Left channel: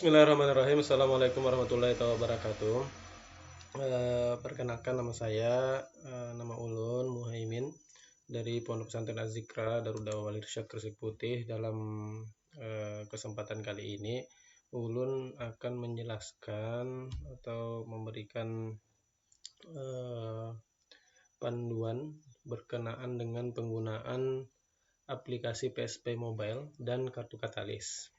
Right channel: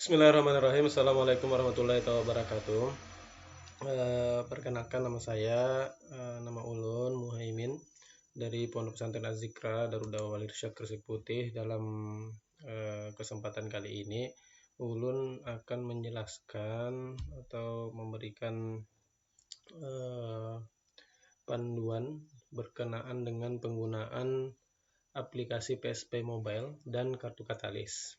Bismillahirrahmanirrahim. Assalamualaikum warahmatullahi wabarakatuh. Perkenalkan nama saya, nama Ulun Muhaimin dari Pondok Pesantren Al-Zikra dalam Dakwah Malaysia Terus Putih. Dalam kesempatan kali ini, Ulun akan menjelaskan atau memberikan panduan berkenaan dengan penggunaan aplikasi PSP Mobile dan kartu katalis.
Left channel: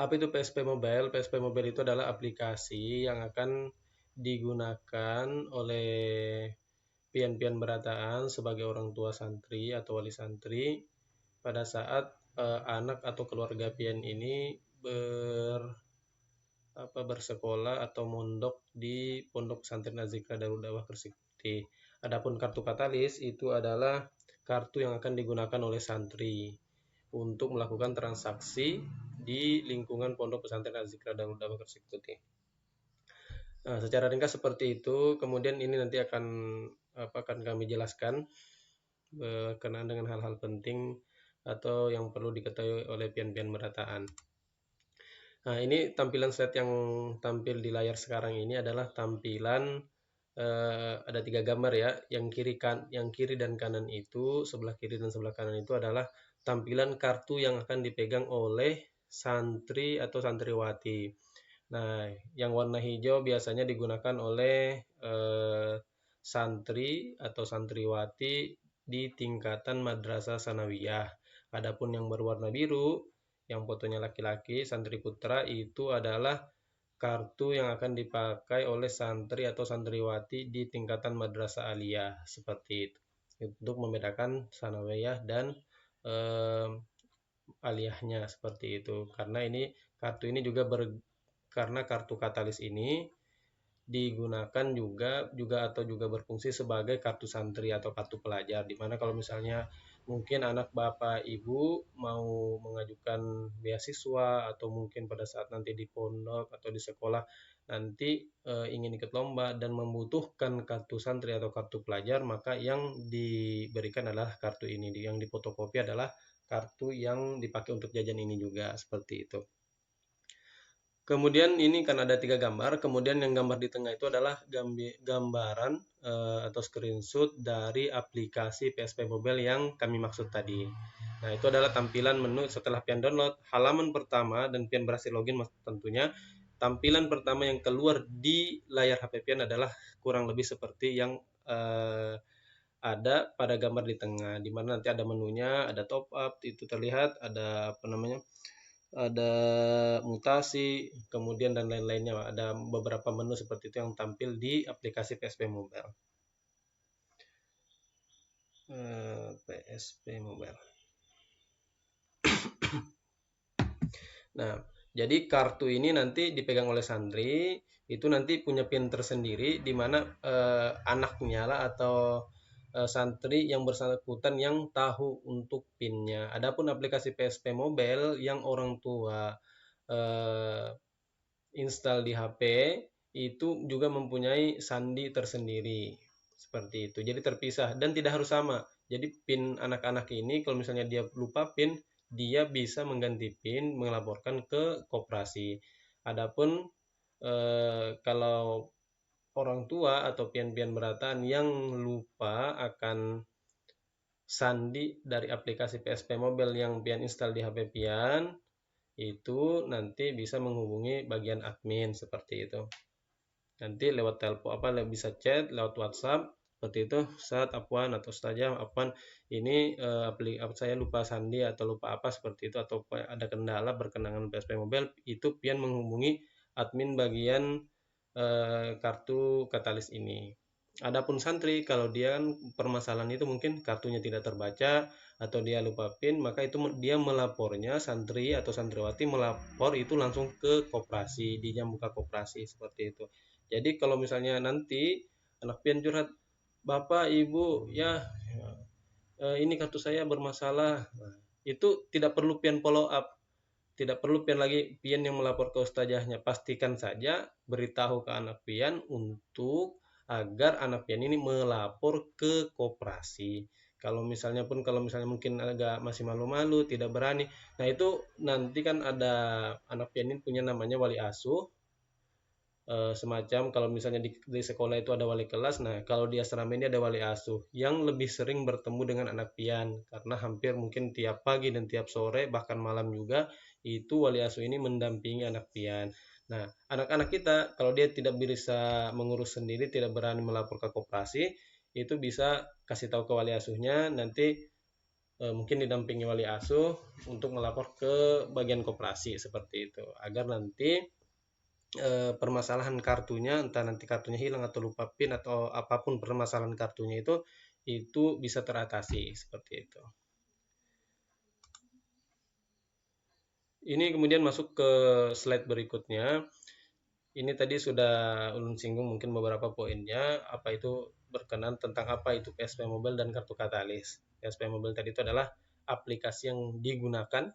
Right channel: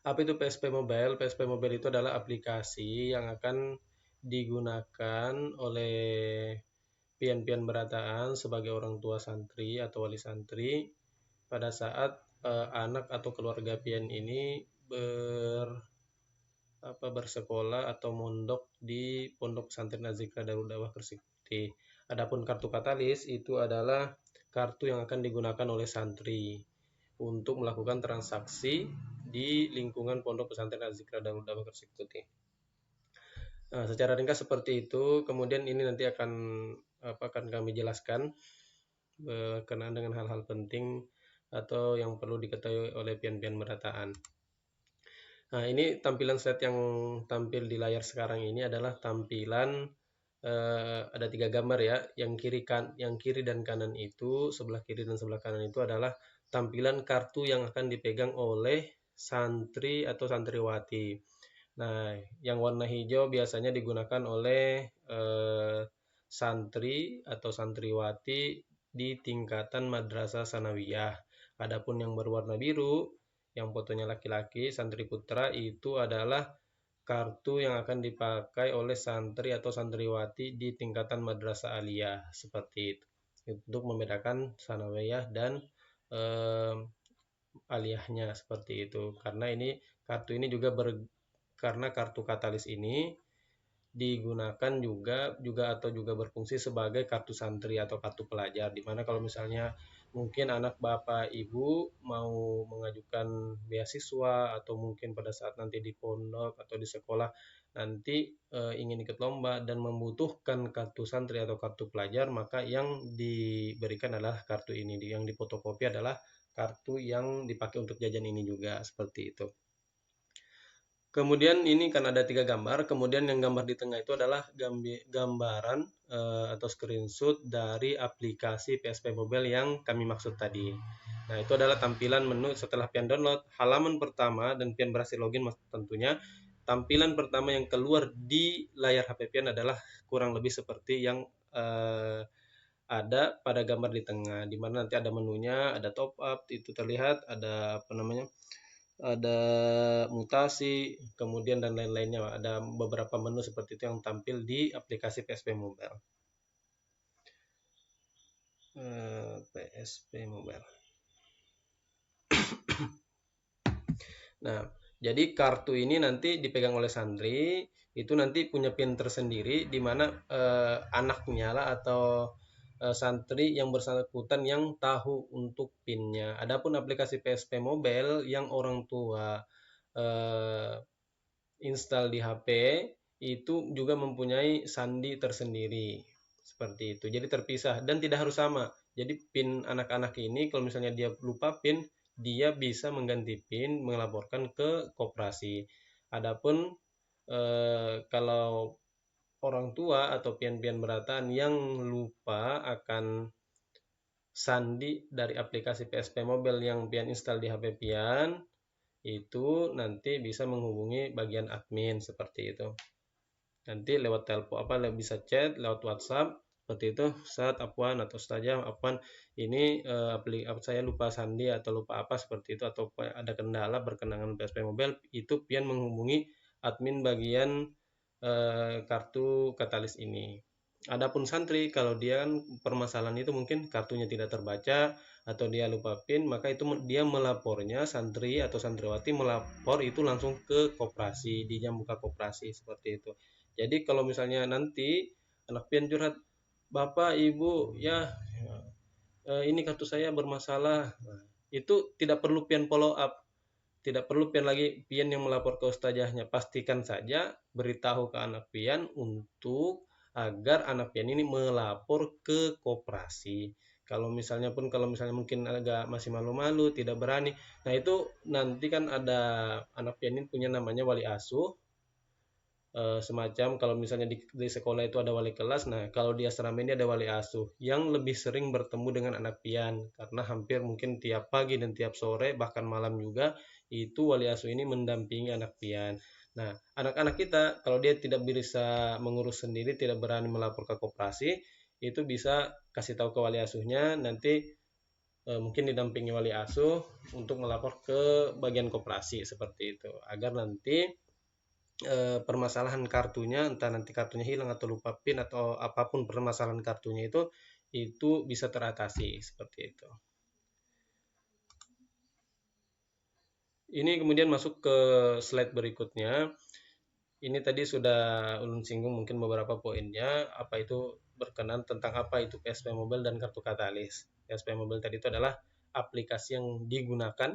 Apa itu PSP Mobile? PSP Mobile itu adalah aplikasi yang akan digunakan oleh pian-pian berataan sebagai orang tua santri atau wali santri pada saat anak atau keluarga pian ini bersekolah atau mondok di Pondok Pesantren Al-Zikra Darul Dawah Persikti. Adapun kartu katalis itu adalah kartu yang akan digunakan oleh santri untuk melakukan transaksi di lingkungan Pondok Pesantren Al-Zikra Darul Dawah Persikti. Nah, secara ringkas seperti itu. Kemudian ini nanti akan kami jelaskan berkenaan dengan hal-hal penting atau yang perlu diketahui oleh pian-pian berataan. Nah, ini tampilan slide yang tampil di layar sekarang ini adalah tampilan ada 3 gambar ya. Yang kiri dan kanan itu, sebelah kiri dan sebelah kanan itu adalah tampilan kartu yang akan dipegang oleh santri atau santriwati. Nah, yang warna hijau biasanya digunakan oleh santri atau santriwati di tingkatan madrasah sanawiyah. Adapun yang berwarna biru, yang fotonya laki-laki, santri putra, itu adalah kartu yang akan dipakai oleh santri atau santriwati di tingkatan madrasah aliyah, seperti itu, untuk membedakan sanawiyah dan aliyahnya, seperti itu. Karena kartu ini juga karena kartu katalis ini digunakan juga berfungsi sebagai kartu santri atau kartu pelajar, dimana kalau misalnya mungkin anak bapak ibu mau mengajukan beasiswa atau mungkin pada saat nanti di pondok atau di sekolah nanti ingin ikut lomba dan membutuhkan kartu santri atau kartu pelajar, maka yang diberikan adalah kartu ini. Yang difotokopi adalah kartu yang dipakai untuk jajan ini juga, seperti itu. Kemudian ini karena ada 3 gambar, kemudian yang gambar di tengah itu adalah gambaran atau screenshot dari aplikasi PSP Mobile yang kami maksud tadi. Nah, itu adalah tampilan menu setelah pian download. Halaman pertama dan pian berhasil login tentunya. Tampilan pertama yang keluar di layar HP pian adalah kurang lebih seperti yang ada pada gambar di tengah, di mana nanti ada menunya, ada top up, itu terlihat, ada ada mutasi, kemudian dan lain-lainnya. Ada beberapa menu seperti itu yang tampil di aplikasi PSP Mobile. PSP Mobile. Nah, jadi kartu ini nanti dipegang oleh santri, itu nanti punya PIN tersendiri, di mana anaknya atau santri yang bersangkutan yang tahu untuk PIN-nya. Adapun aplikasi PSP Mobile yang orang tua install di HP itu juga mempunyai sandi tersendiri, seperti itu. Jadi terpisah dan tidak harus sama. Jadi PIN anak-anak ini kalau misalnya dia lupa PIN, dia bisa mengganti PIN, melaporkan ke koperasi. Adapun kalau orang tua atau pian-pian berataan yang lupa akan sandi dari aplikasi PSP Mobile yang pian install di HP pian, itu nanti bisa menghubungi bagian admin, seperti itu. Nanti lewat telepon bisa chat, lewat WhatsApp, seperti itu. Saat apaan atau saja apaan ini saya lupa sandi atau lupa apa seperti itu, atau ada kendala perkenalan dari Mobile, itu pian menghubungi admin bagian kartu katalis ini. Adapun santri, kalau dia permasalahan itu mungkin kartunya tidak terbaca atau dia lupa PIN, maka itu dia melapornya, santri atau santriwati melapor itu langsung ke koperasi, yang buka koperasi, seperti itu. Jadi kalau misalnya nanti anak pian curhat, bapak ibu ya ini kartu saya bermasalah, itu tidak perlu pian follow up, tidak perlu pian lagi pian yang melapor ke ustazahnya. Pastikan saja beritahu ke anak pian untuk agar anak pian ini melapor ke koperasi. Kalau misalnya mungkin agak masih malu-malu, tidak berani, nah itu nanti kan ada anak pian ini punya namanya wali asuh. Semacam kalau misalnya di sekolah itu ada wali kelas, nah kalau di asrama ini ada wali asuh yang lebih sering bertemu dengan anak pian, karena hampir mungkin tiap pagi dan tiap sore bahkan malam juga itu wali asuh ini mendampingi anak pian. Nah, anak-anak kita kalau dia tidak bisa mengurus sendiri, tidak berani melapor ke koperasi, itu bisa kasih tahu ke wali asuhnya, nanti mungkin didampingi wali asuh untuk melapor ke bagian koperasi seperti itu, agar nanti permasalahan kartunya, entah nanti kartunya hilang atau lupa PIN atau apapun permasalahan kartunya itu bisa teratasi seperti itu. Ini kemudian masuk ke slide berikutnya. Ini tadi sudah singgung mungkin beberapa poinnya, apa itu berkenan tentang apa itu KSP Mobile dan kartu katalis. KSP Mobile tadi itu adalah aplikasi yang digunakan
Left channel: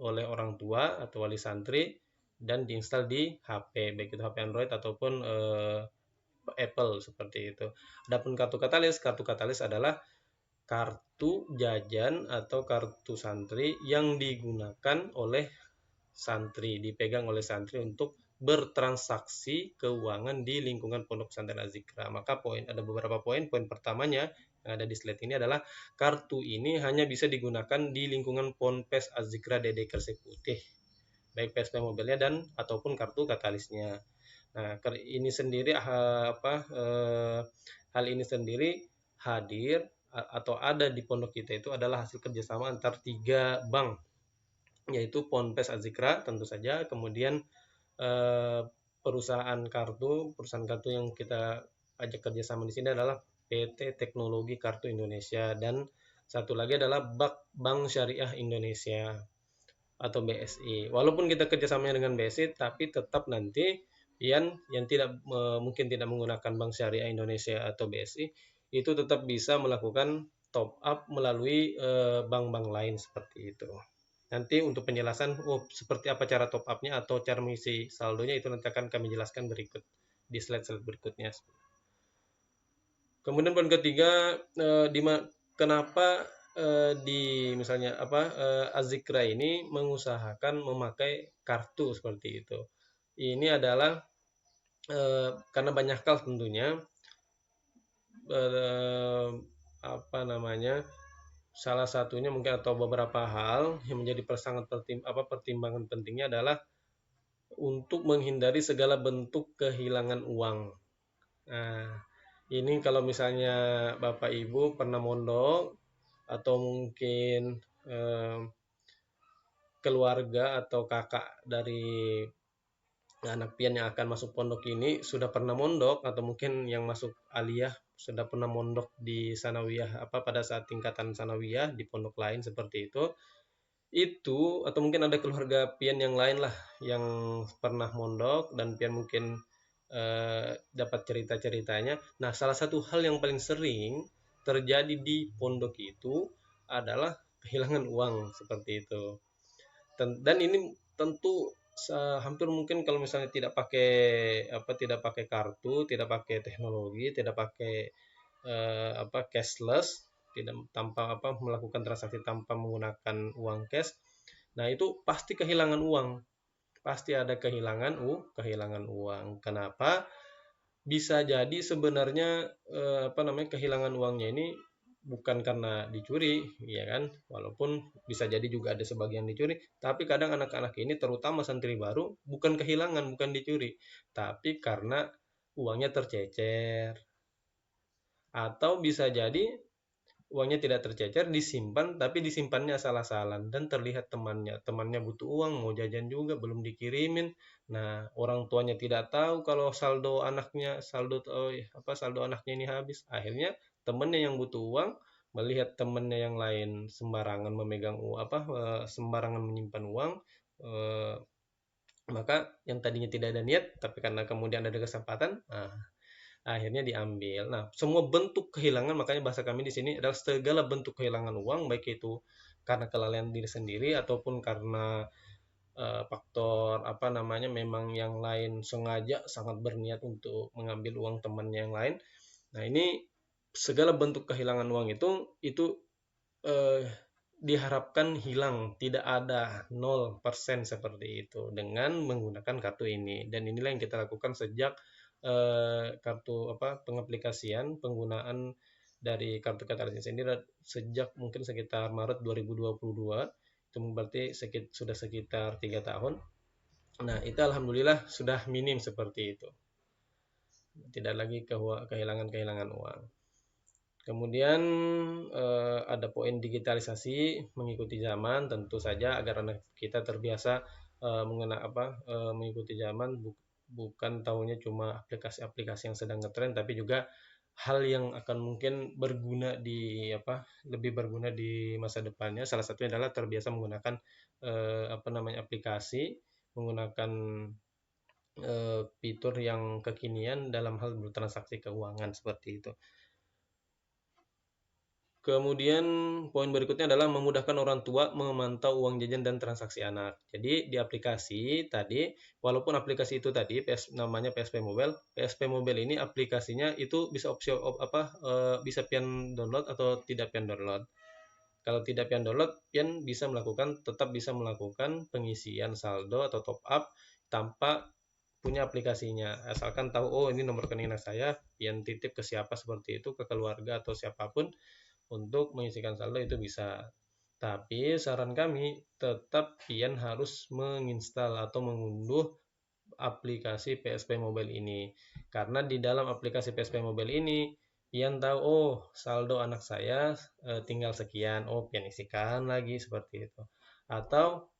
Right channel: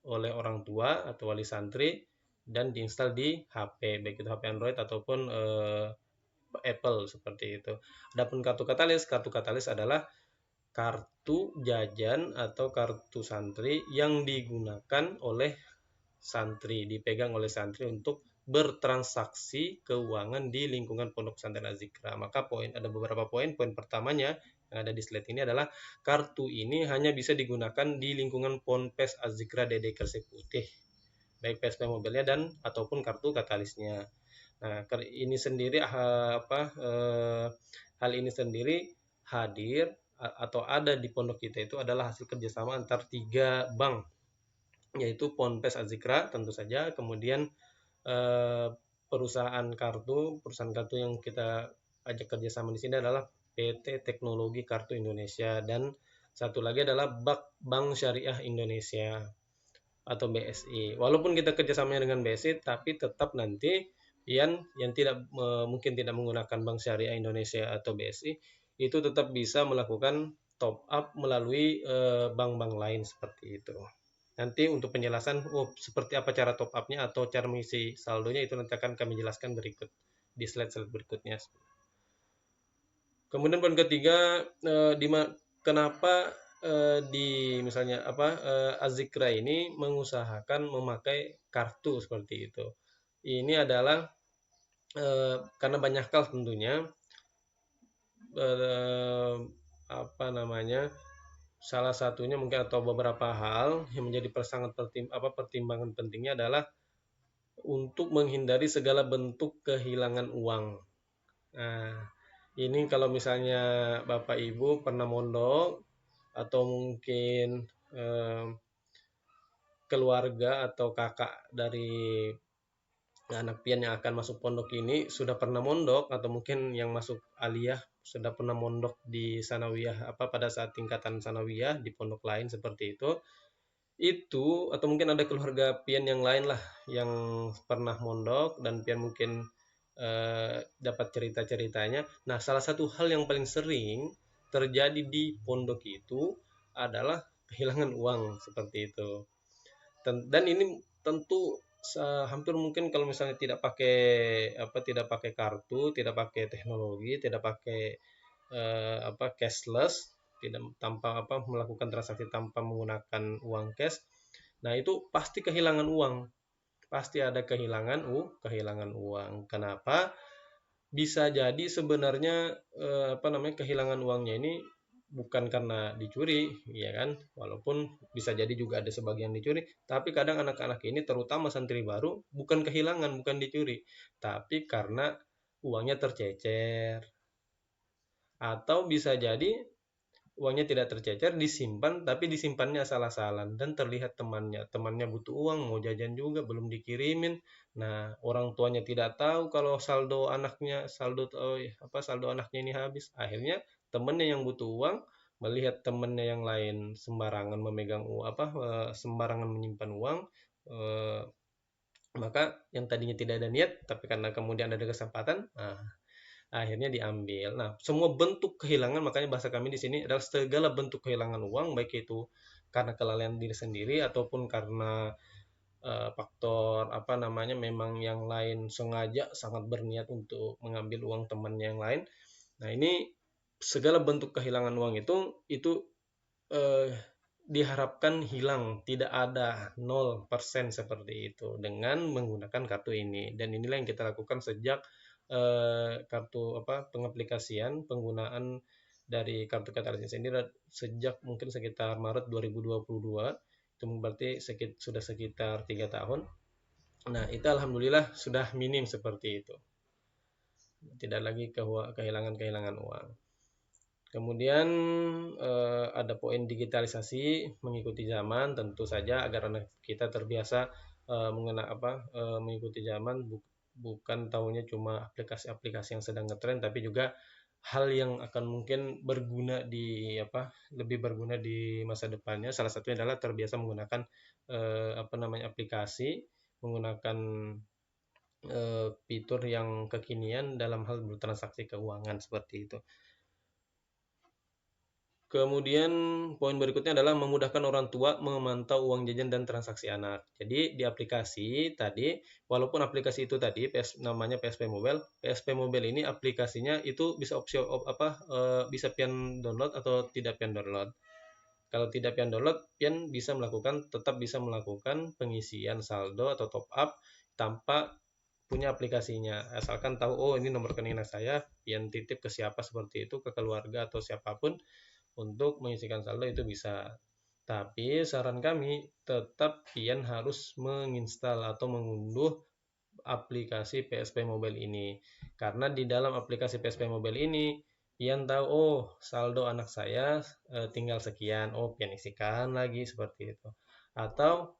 oleh orang tua atau wali santri dan diinstal di HP, baik itu HP Android ataupun Apple seperti itu. Adapun kartu katalis adalah kartu jajan atau kartu santri yang digunakan oleh santri, dipegang oleh santri untuk bertransaksi keuangan di lingkungan pondok pesantren Al-Zikra. Maka ada beberapa poin. Poin pertamanya yang ada di slide ini adalah kartu ini hanya bisa digunakan di lingkungan Ponpes Al-Zikra di Gresik Putih, baik PSP Mobile dan ataupun kartu katalisnya. Nah, ini sendiri hal ini sendiri hadir atau ada di pondok kita itu adalah hasil kerjasama antara 3 bank, yaitu Ponpes Al-Zikra tentu saja, kemudian perusahaan kartu yang kita ajak kerjasama di sini adalah PT Teknologi Kartu Indonesia, dan satu lagi adalah Bank Syariah Indonesia atau BSI. Walaupun kita kerjasama dengan BSI, tapi tetap nanti yang tidak mungkin tidak menggunakan Bank Syariah Indonesia atau BSI itu tetap bisa melakukan top up melalui bank-bank lain seperti itu. Nanti untuk penjelasan seperti apa cara top up-nya atau cara mengisi saldonya itu nanti akan kami jelaskan berikut di slide berikutnya. Kemudian poin ketiga, kenapa di misalnya Al-Zikra ini mengusahakan memakai kartu seperti itu. Ini adalah karena banyak hal tentunya, salah satunya mungkin atau beberapa hal yang menjadi pertimbangan pentingnya adalah untuk menghindari segala bentuk kehilangan uang. Nah, ini kalau misalnya Bapak Ibu pernah mondok atau mungkin keluarga atau kakak dari anak pian yang akan masuk pondok ini sudah pernah mondok, atau mungkin yang masuk aliyah sudah pernah mondok di sanawiyah pada saat tingkatan sanawiyah di pondok lain seperti itu atau mungkin ada keluarga pian yang lain lah yang pernah mondok dan pian mungkin dapat cerita-ceritanya. Nah, salah satu hal yang paling sering terjadi di pondok itu adalah kehilangan uang seperti itu. Dan ini tentu hampir mungkin kalau misalnya tidak pakai kartu, tidak pakai teknologi, tidak pakai cashless, tidak melakukan transaksi tanpa menggunakan uang cash, nah itu pasti kehilangan uang, pasti ada kehilangan uang. Kenapa? Bisa jadi sebenarnya kehilangan uangnya ini bukan karena dicuri, ya kan? Walaupun bisa jadi juga ada sebagian yang dicuri, tapi kadang anak-anak ini terutama santri baru bukan kehilangan, bukan dicuri, tapi karena uangnya tercecer, atau bisa jadi uangnya tidak tercecer, disimpan, tapi disimpannya salah-salah dan terlihat temannya butuh uang, mau jajan juga belum dikirimin. Nah, orang tuanya tidak tahu kalau saldo anaknya ini habis. Akhirnya temannya yang butuh uang melihat temannya yang lain sembarangan memegang uang, sembarangan menyimpan uang, maka yang tadinya tidak ada niat, tapi karena kemudian ada kesempatan, akhirnya diambil. Nah, semua bentuk kehilangan, makanya bahasa kami di sini adalah segala bentuk kehilangan uang, baik itu karena kelalaian diri sendiri ataupun karena faktor memang yang lain sengaja sangat berniat untuk mengambil uang temannya yang lain. Nah, ini segala bentuk kehilangan uang itu diharapkan hilang, tidak ada 0% seperti itu dengan menggunakan kartu ini. Dan inilah yang kita lakukan sejak kartu pengaplikasian penggunaan dari kartu Katalis ini sejak mungkin sekitar Maret 2022, itu berarti sudah sekitar 3 tahun. Nah, itu alhamdulillah sudah minim seperti itu, tidak ada lagi kehilangan uang. Kemudian ada poin digitalisasi mengikuti zaman, tentu saja agar kita terbiasa mengikuti zaman, bukan tahunya cuma aplikasi-aplikasi yang sedang ngetren, tapi juga hal yang akan mungkin lebih berguna di masa depannya. Salah satunya adalah terbiasa menggunakan aplikasi, menggunakan fitur yang kekinian dalam hal transaksi keuangan seperti itu. Kemudian poin berikutnya adalah memudahkan orang tua memantau uang jajan dan transaksi anak. Jadi di aplikasi tadi, walaupun aplikasi itu tadi namanya PSP Mobile, PSP Mobile ini aplikasinya itu bisa bisa pian download atau tidak pian download. Kalau tidak pian download, pian tetap bisa melakukan pengisian saldo atau top up tanpa punya aplikasinya. Asalkan tahu, oh ini nomor rekening anak saya, pian titip ke siapa seperti itu, ke keluarga atau siapapun, untuk mengisikan saldo itu bisa. Tapi saran kami tetap pian harus menginstal atau mengunduh aplikasi PSP Mobile ini, karena di dalam aplikasi PSP Mobile ini pian tahu, oh saldo anak saya tinggal sekian, oh pian isikan lagi seperti itu. Atau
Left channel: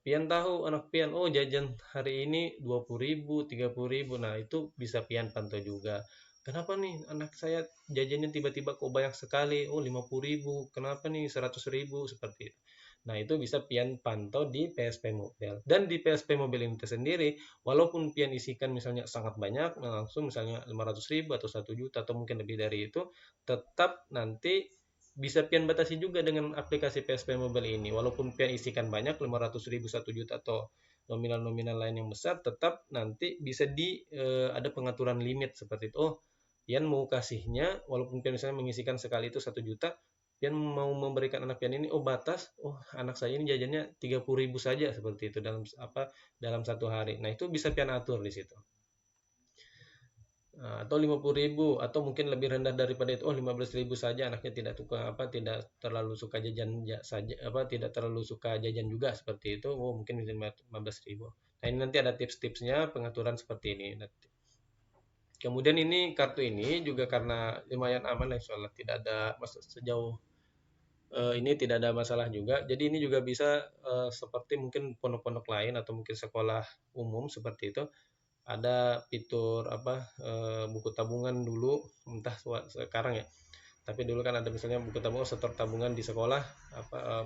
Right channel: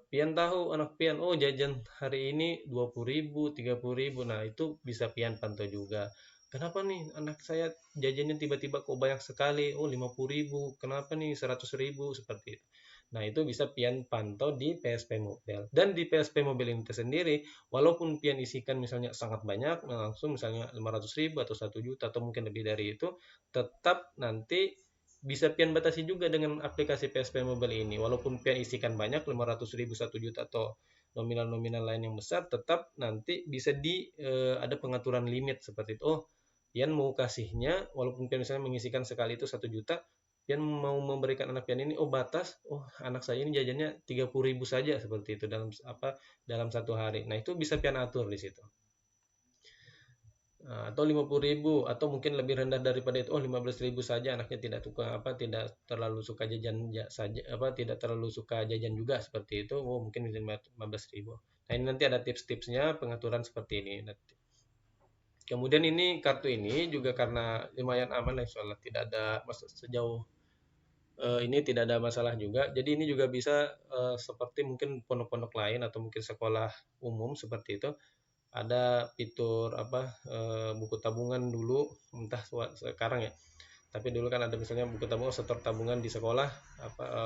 pian tahu anak pian, oh jajan hari ini 20.000, 30.000, nah itu bisa pian pantau juga. Kenapa nih anak saya jajannya tiba-tiba kok banyak sekali, oh 50.000, kenapa nih 100.000, seperti itu. Nah itu bisa pian pantau di PSP Mobile. Dan di PSP Mobile itu sendiri, walaupun pian isikan misalnya sangat banyak, langsung misalnya 500.000 atau 1 juta atau mungkin lebih dari itu, tetap nanti bisa pian batasi juga dengan aplikasi PSP Mobile ini. Walaupun pian isikan banyak, 500.000, 1 juta atau nominal-nominal lain yang besar, tetap nanti bisa ada pengaturan limit seperti itu. Oh, pian mau kasihnya, walaupun pian misalnya mengisikan sekali itu 1 juta, pian mau memberikan anak pian ini, oh batas, oh anak saya ini jajannya 30.000 saja seperti itu dalam satu hari. Nah itu bisa pian atur di situ. Atau 50.000 atau mungkin lebih rendah daripada itu, 15.000 saja, anaknya tidak terlalu suka jajan saja, tidak terlalu suka jajan juga seperti itu, oh mungkin 15.000. Nah ini nanti ada tips-tipsnya pengaturan seperti ini. Kemudian ini kartu ini juga karena lumayan aman, soalnya tidak ada sejauh ini tidak ada masalah juga. Jadi ini juga bisa seperti mungkin pondok-pondok lain atau mungkin sekolah umum seperti itu, ada fitur buku tabungan dulu, entah sekarang ya. Tapi dulu kan ada biasanya buku tabungan setor tabungan di sekolah,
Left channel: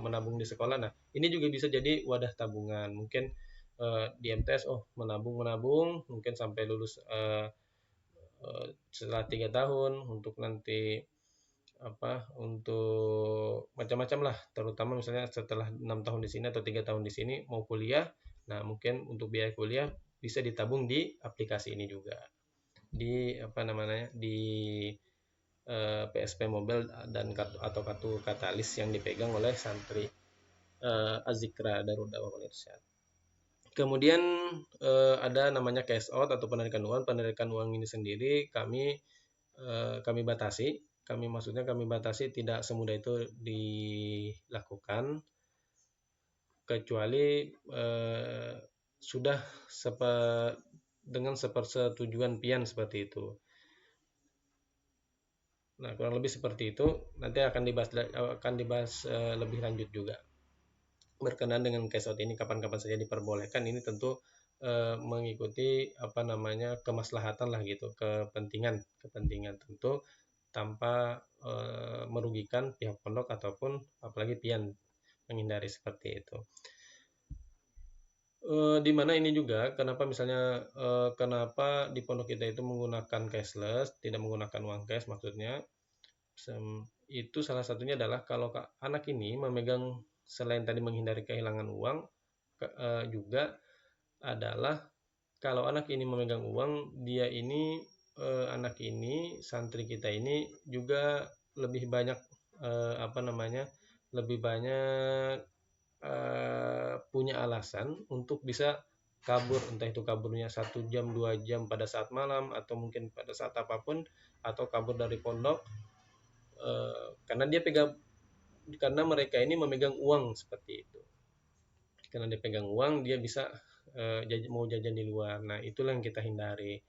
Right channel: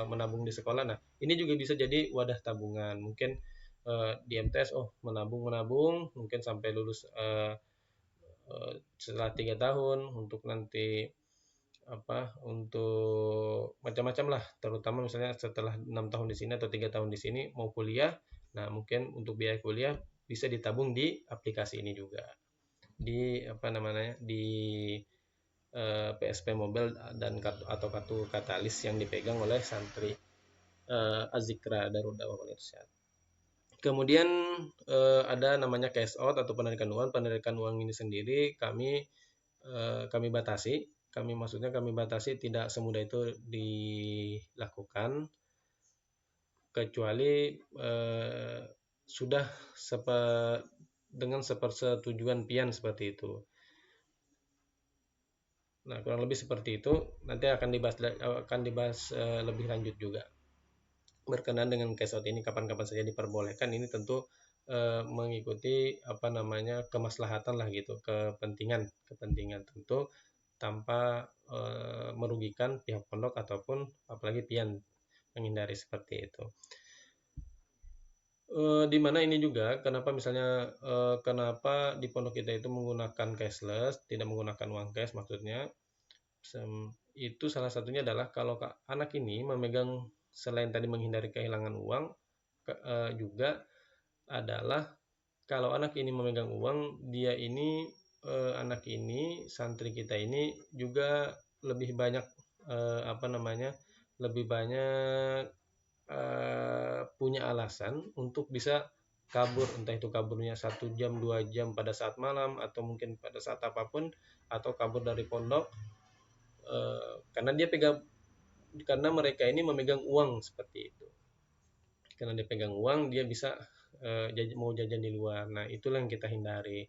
menabung di sekolah. Nah ini juga bisa jadi wadah tabungan. Mungkin di MTS menabung mungkin sampai lulus setelah 3 tahun, untuk nanti untuk macam-macam lah, terutama misalnya setelah 6 tahun di sini atau 3 tahun di sini mau kuliah. Nah mungkin untuk biaya kuliah bisa ditabung di aplikasi ini juga, di PSP Mobile dan kartu Katalis yang dipegang oleh santri Azikra dan Indonesia. Kemudian ada namanya cash out atau penarikan uang. Penarikan uang ini sendiri kami batasi. Maksudnya kami batasi, tidak semudah itu dilakukan, kecuali sudah dengan sepersetujuan pian seperti itu. Nah kurang lebih seperti itu. Nanti akan dibahas lebih lanjut juga berkenaan dengan cash out ini, kapan-kapan saja diperbolehkan. Ini tentu mengikuti kemaslahatan lah gitu, kepentingan tentu, tanpa merugikan pihak pondok ataupun apalagi pian, menghindari seperti itu. Di mana ini juga kenapa di pondok kita itu menggunakan cashless, tidak menggunakan uang cash, maksudnya itu salah satunya adalah kalau anak ini memegang, selain tadi menghindari kehilangan uang, juga adalah kalau anak ini memegang uang, dia ini anak ini, santri kita ini juga lebih banyak lebih banyak punya alasan untuk bisa kabur, entah itu kaburnya 1 jam 2 jam pada saat malam atau mungkin pada saat apapun, atau kabur dari pondok, karena mereka ini memegang uang seperti itu. Karena dia pegang uang, dia bisa mau jajan di luar. Nah, itulah yang kita hindari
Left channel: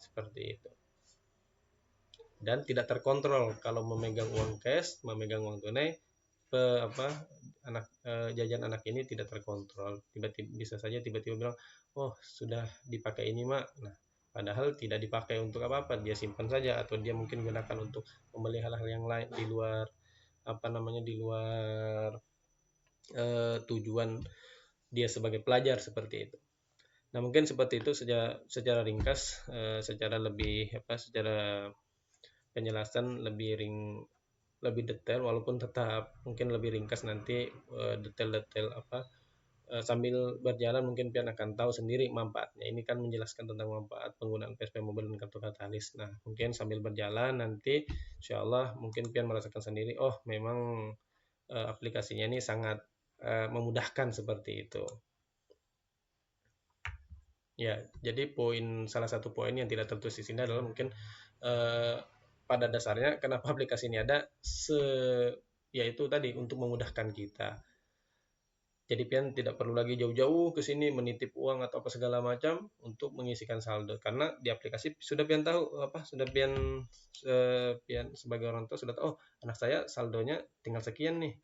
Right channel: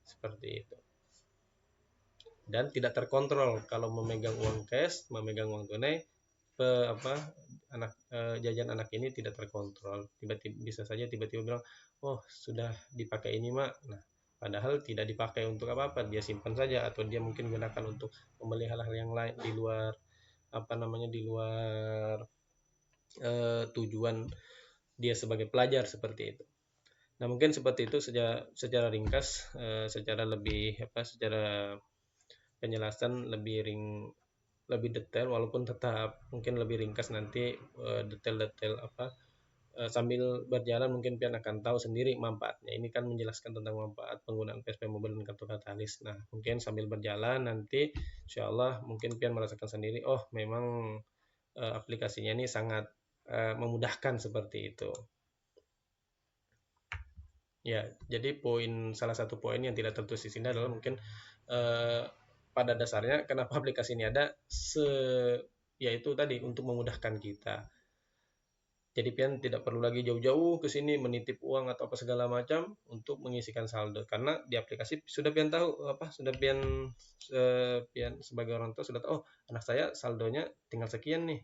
seperti itu. Dan tidak terkontrol kalau memegang uang cash, memegang uang tunai, jajan anak ini tidak terkontrol. Tiba-tiba bisa saja tiba-tiba bilang, oh sudah dipakai ini mak. Nah, padahal tidak dipakai untuk apa-apa, dia simpan saja atau dia mungkin digunakan untuk membeli hal yang lain di luar di luar tujuan dia sebagai pelajar seperti itu. Nah, mungkin seperti itu secara ringkas, secara penjelasan lebih detail, walaupun tetap mungkin lebih ringkas nanti detail-detail sambil berjalan mungkin biar akan tahu sendiri manfaatnya. Ini kan menjelaskan tentang manfaat penggunaan PSP Mobile dan kartu Katalis. Nah, mungkin sambil berjalan nanti insyaallah mungkin biar merasakan sendiri, oh memang aplikasinya ini sangat memudahkan seperti itu. Ya, jadi salah satu poin yang tidak tertulis di sini adalah mungkin pada dasarnya kenapa aplikasi ini ada, yaitu tadi untuk memudahkan kita. Jadi pian tidak perlu lagi jauh-jauh ke sini menitip uang atau segala macam untuk mengisikan saldo, karena di aplikasi sudah pian tahu sudah pian sebagai orang tua sudah tahu, oh anak saya saldonya tinggal sekian nih.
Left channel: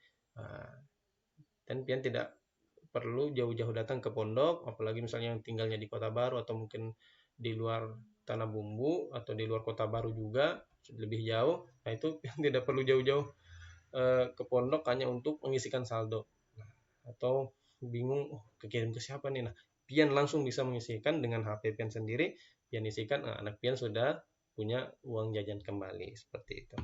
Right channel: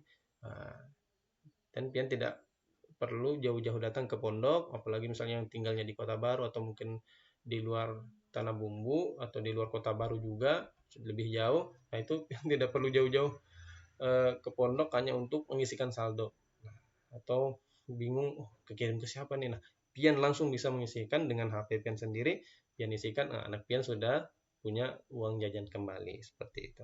Dan pian tidak perlu jauh-jauh datang ke pondok, apalagi misalnya yang tinggalnya di Kota Baru atau mungkin di luar Tanah Bumbu atau di luar Kota Baru juga lebih jauh. Nah, itu tidak perlu jauh-jauh ke pondok hanya untuk mengisikan saldo. Atau bingung kekirim itu siapa nih, nah pian langsung bisa mengisikan dengan HP pian sendiri, pian isikan, anak pian sudah punya uang jajan kembali seperti itu.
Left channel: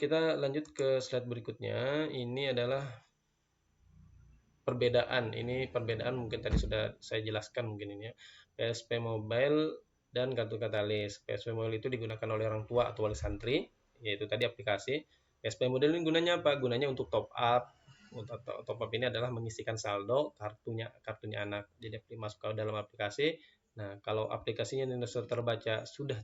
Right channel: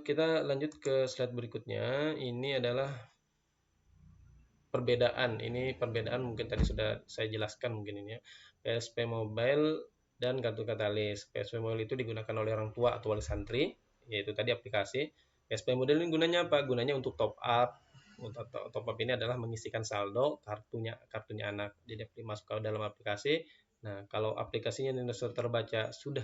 Kita lanjut ke slide berikutnya. Ini adalah perbedaan mungkin tadi sudah saya jelaskan mungkin ya. PSP Mobile dan kartu Katalis. PSP Mobile itu digunakan oleh orang tua atau oleh santri, yaitu tadi aplikasi. PSP Mobile ini gunanya apa? Gunanya untuk top up. Top up ini adalah mengisikan saldo kartunya anak. Jadi masuk ke dalam aplikasi. Nah, kalau aplikasinya sudah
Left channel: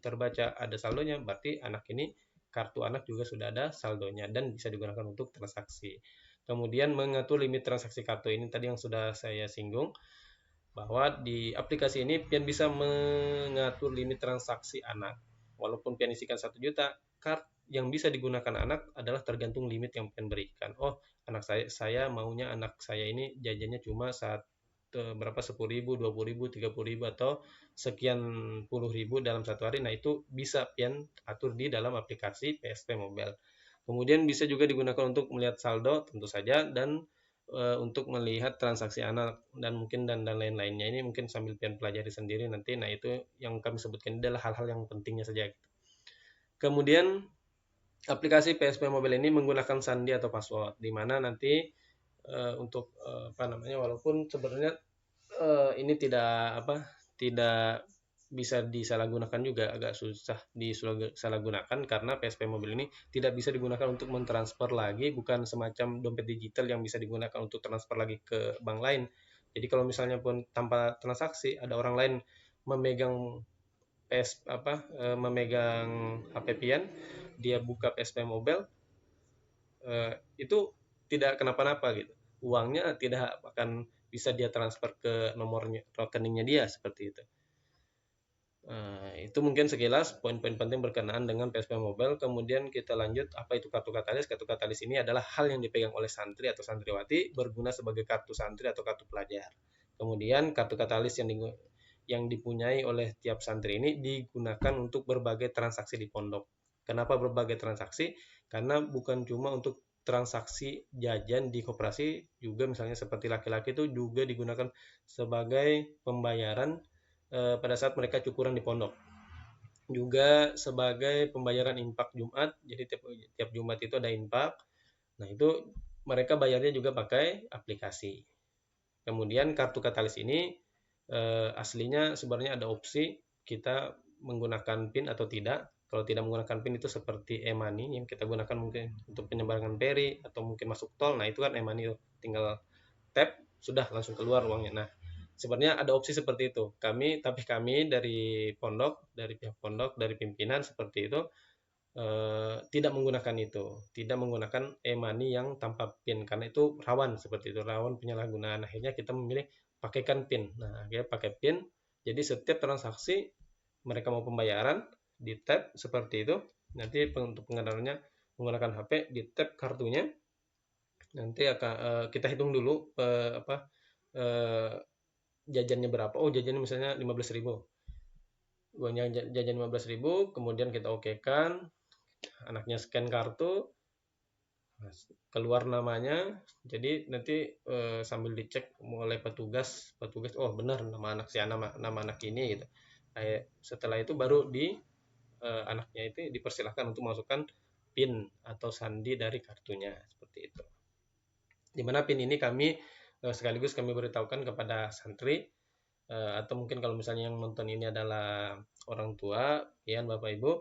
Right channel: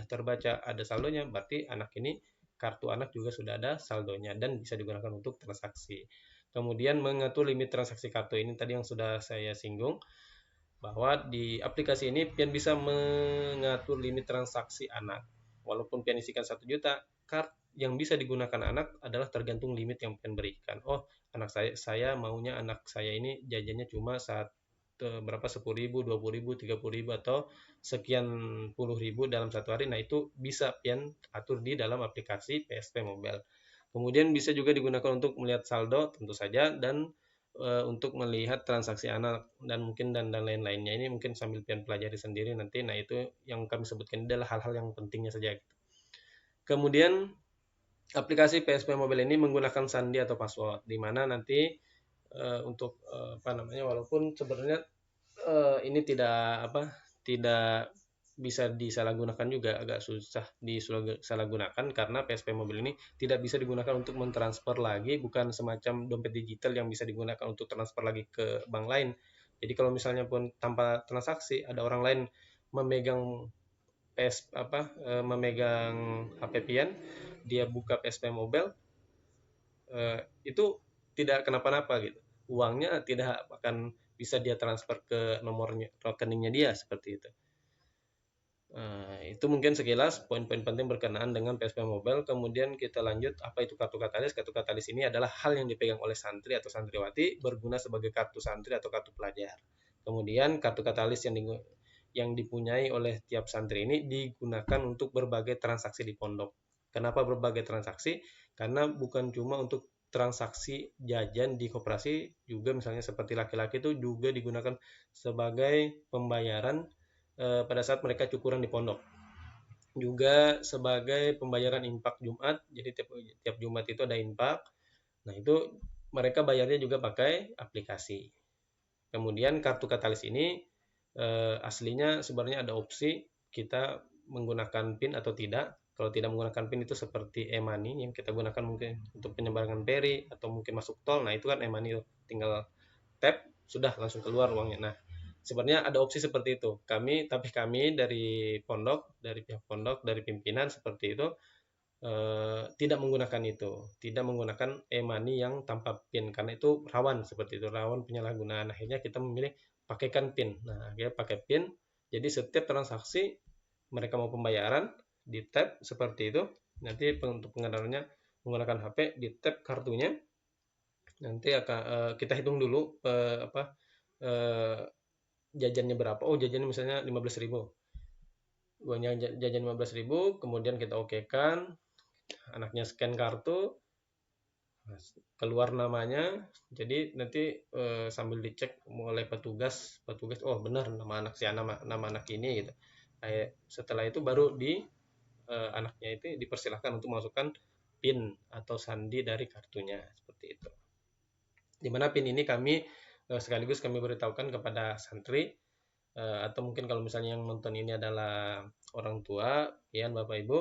terbaca ada saldonya, berarti anak ini kartu anak juga sudah ada saldonya dan bisa digunakan untuk transaksi. Kemudian mengatur limit transaksi kartu ini tadi yang sudah saya singgung, bahwa di aplikasi ini pian bisa mengatur limit transaksi anak. Walaupun pian isikan 1 juta, yang bisa digunakan anak adalah tergantung limit yang pian berikan. Oh, anak saya maunya anak saya ini jajannya cuma berapa 10.000, 20.000, 30.000 atau sekian puluh ribu dalam satu hari. Nah, itu bisa pian atur di dalam aplikasi PSP Mobile. Kemudian bisa juga digunakan untuk melihat saldo tentu saja, dan untuk melihat transaksi anak dan mungkin dan lain-lainnya. Ini mungkin sambil kalian pelajari sendiri nanti. Nah, itu yang kami sebutkan ini adalah hal-hal yang pentingnya saja. Kemudian aplikasi PSP Mobile ini menggunakan sandi atau password, di mana nanti untuk walaupun sebenarnya ini tidak bisa disalahgunakan juga, agak susah disalahgunakan karena PSP Mobile ini tidak bisa digunakan untuk mentransfer lagi, bukan semacam dompet digital yang bisa digunakan untuk transfer lagi ke bank lain. Jadi kalau misalnya pun tanpa transaksi ada orang lain memegang HP pian, dia buka PSP Mobile, itu tidak kenapa-napa gitu. Uangnya tidak akan bisa dia transfer ke nomor rekeningnya dia seperti itu. Itu mungkin sekilas poin-poin penting berkenaan dengan PSP Mobile. Kemudian kita lanjut, apa itu kartu Katalis? Kartu Katalis ini adalah hal yang dipegang oleh santri atau santriwati, berguna sebagai kartu santri atau kartu pelajar. Kemudian kartu Katalis yang dipunyai oleh tiap santri ini digunakan untuk berbagai transaksi di pondok. Kenapa berbagai transaksi? Karena bukan cuma untuk transaksi jajan di koperasi, juga misalnya seperti laki-laki itu juga digunakan sebagai pembayaran pada saat mereka cukuran di pondok, juga sebagai pembayaran infak Jumat. Jadi tiap Jumat itu ada infak. Nah, itu mereka bayarnya juga pakai aplikasi. Kemudian kartu Katalis ini aslinya sebenarnya ada opsi kita menggunakan PIN atau tidak. Kalau tidak menggunakan PIN itu seperti e-money yang kita gunakan mungkin untuk penyebaran beli atau mungkin masuk tol. Nah, itu kan e-money, tinggal tap sudah langsung keluar uangnya. Nah, sebenarnya ada opsi seperti itu. Tapi kami dari pihak pondok, dari pimpinan seperti itu tidak menggunakan itu, tidak menggunakan e-money yang tanpa PIN karena itu rawan seperti itu, rawan penyalahgunaan. Akhirnya kita memilih pakaikan PIN. Nah, kita pakai PIN. Jadi setiap transaksi mereka mau pembayaran di tap seperti itu. Nanti untuk pengenalannya menggunakan HP di tap kartunya. Nanti akan kita hitung dulu jajannya berapa. Oh, jajannya misalnya 15.000. Jajannya 15.000, kemudian kita okekan, anaknya scan kartu, keluar namanya. Jadi nanti sambil dicek mulai petugas oh benar nama anak ini gitu. Setelah itu baru anaknya itu dipersilakan untuk memasukkan PIN atau sandi dari kartunya seperti itu. Di mana PIN ini kami sekaligus kami beritahukan kepada santri atau mungkin kalau misalnya yang menonton ini adalah orang tua, ya Bapak Ibu,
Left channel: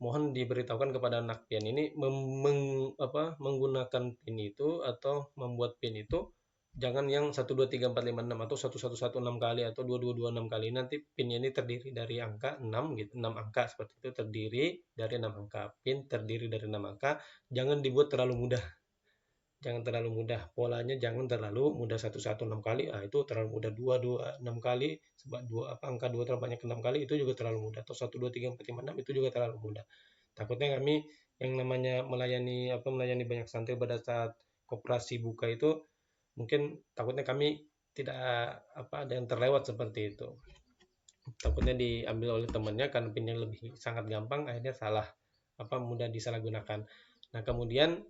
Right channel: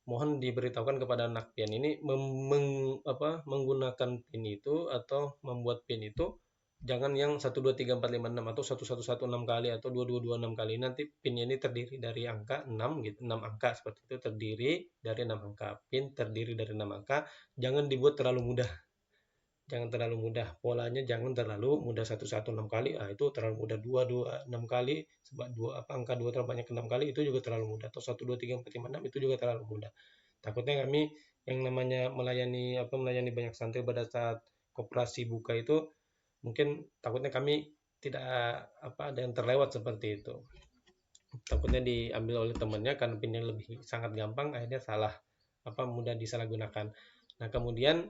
mohon diberitahukan kepada anak pian ini menggunakan PIN itu atau membuat PIN itu jangan yang 1 2 3 4 5 6 atau 1 1 1 6 kali atau 2 2 2 6 kali. Nanti PIN-nya ini terdiri dari angka 6 gitu, 6 angka seperti itu, terdiri dari 6 angka. PIN terdiri dari 6 angka, jangan dibuat terlalu mudah. Polanya jangan terlalu mudah 1 1 6 kali. Nah, itu terlalu mudah. 2 2 6 kali, sebab angka 2 terbanyak 6 kali itu juga terlalu mudah. Atau 1 2 3 4 5 6 itu juga terlalu mudah. Takutnya kami yang namanya melayani banyak santri pada saat koperasi buka itu, mungkin takutnya kami tidak ada yang terlewat seperti itu. Takutnya diambil oleh temannya karena PIN-nya lebih sangat gampang, akhirnya salah mudah disalahgunakan. Nah, kemudian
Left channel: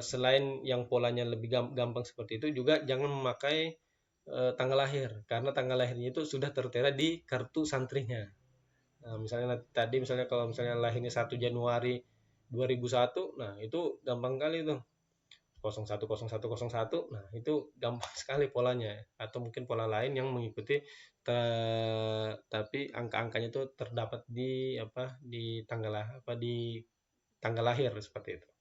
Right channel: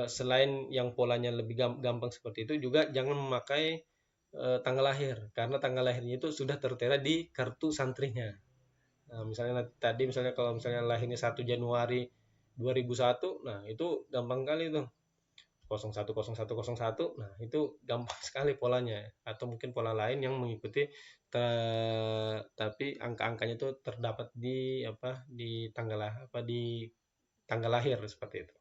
selain yang polanya lebih gampang seperti itu, juga jangan memakai tanggal lahir, karena tanggal lahirnya itu sudah tertera di kartu santrinya. Nah, misalnya kalau misalnya lahirnya 1 Januari 2001, nah itu gampang kali tuh. 010101, nah itu gampang sekali polanya. Atau mungkin pola lain yang mengikuti tapi angka-angkanya itu terdapat di tanggal lahir seperti itu.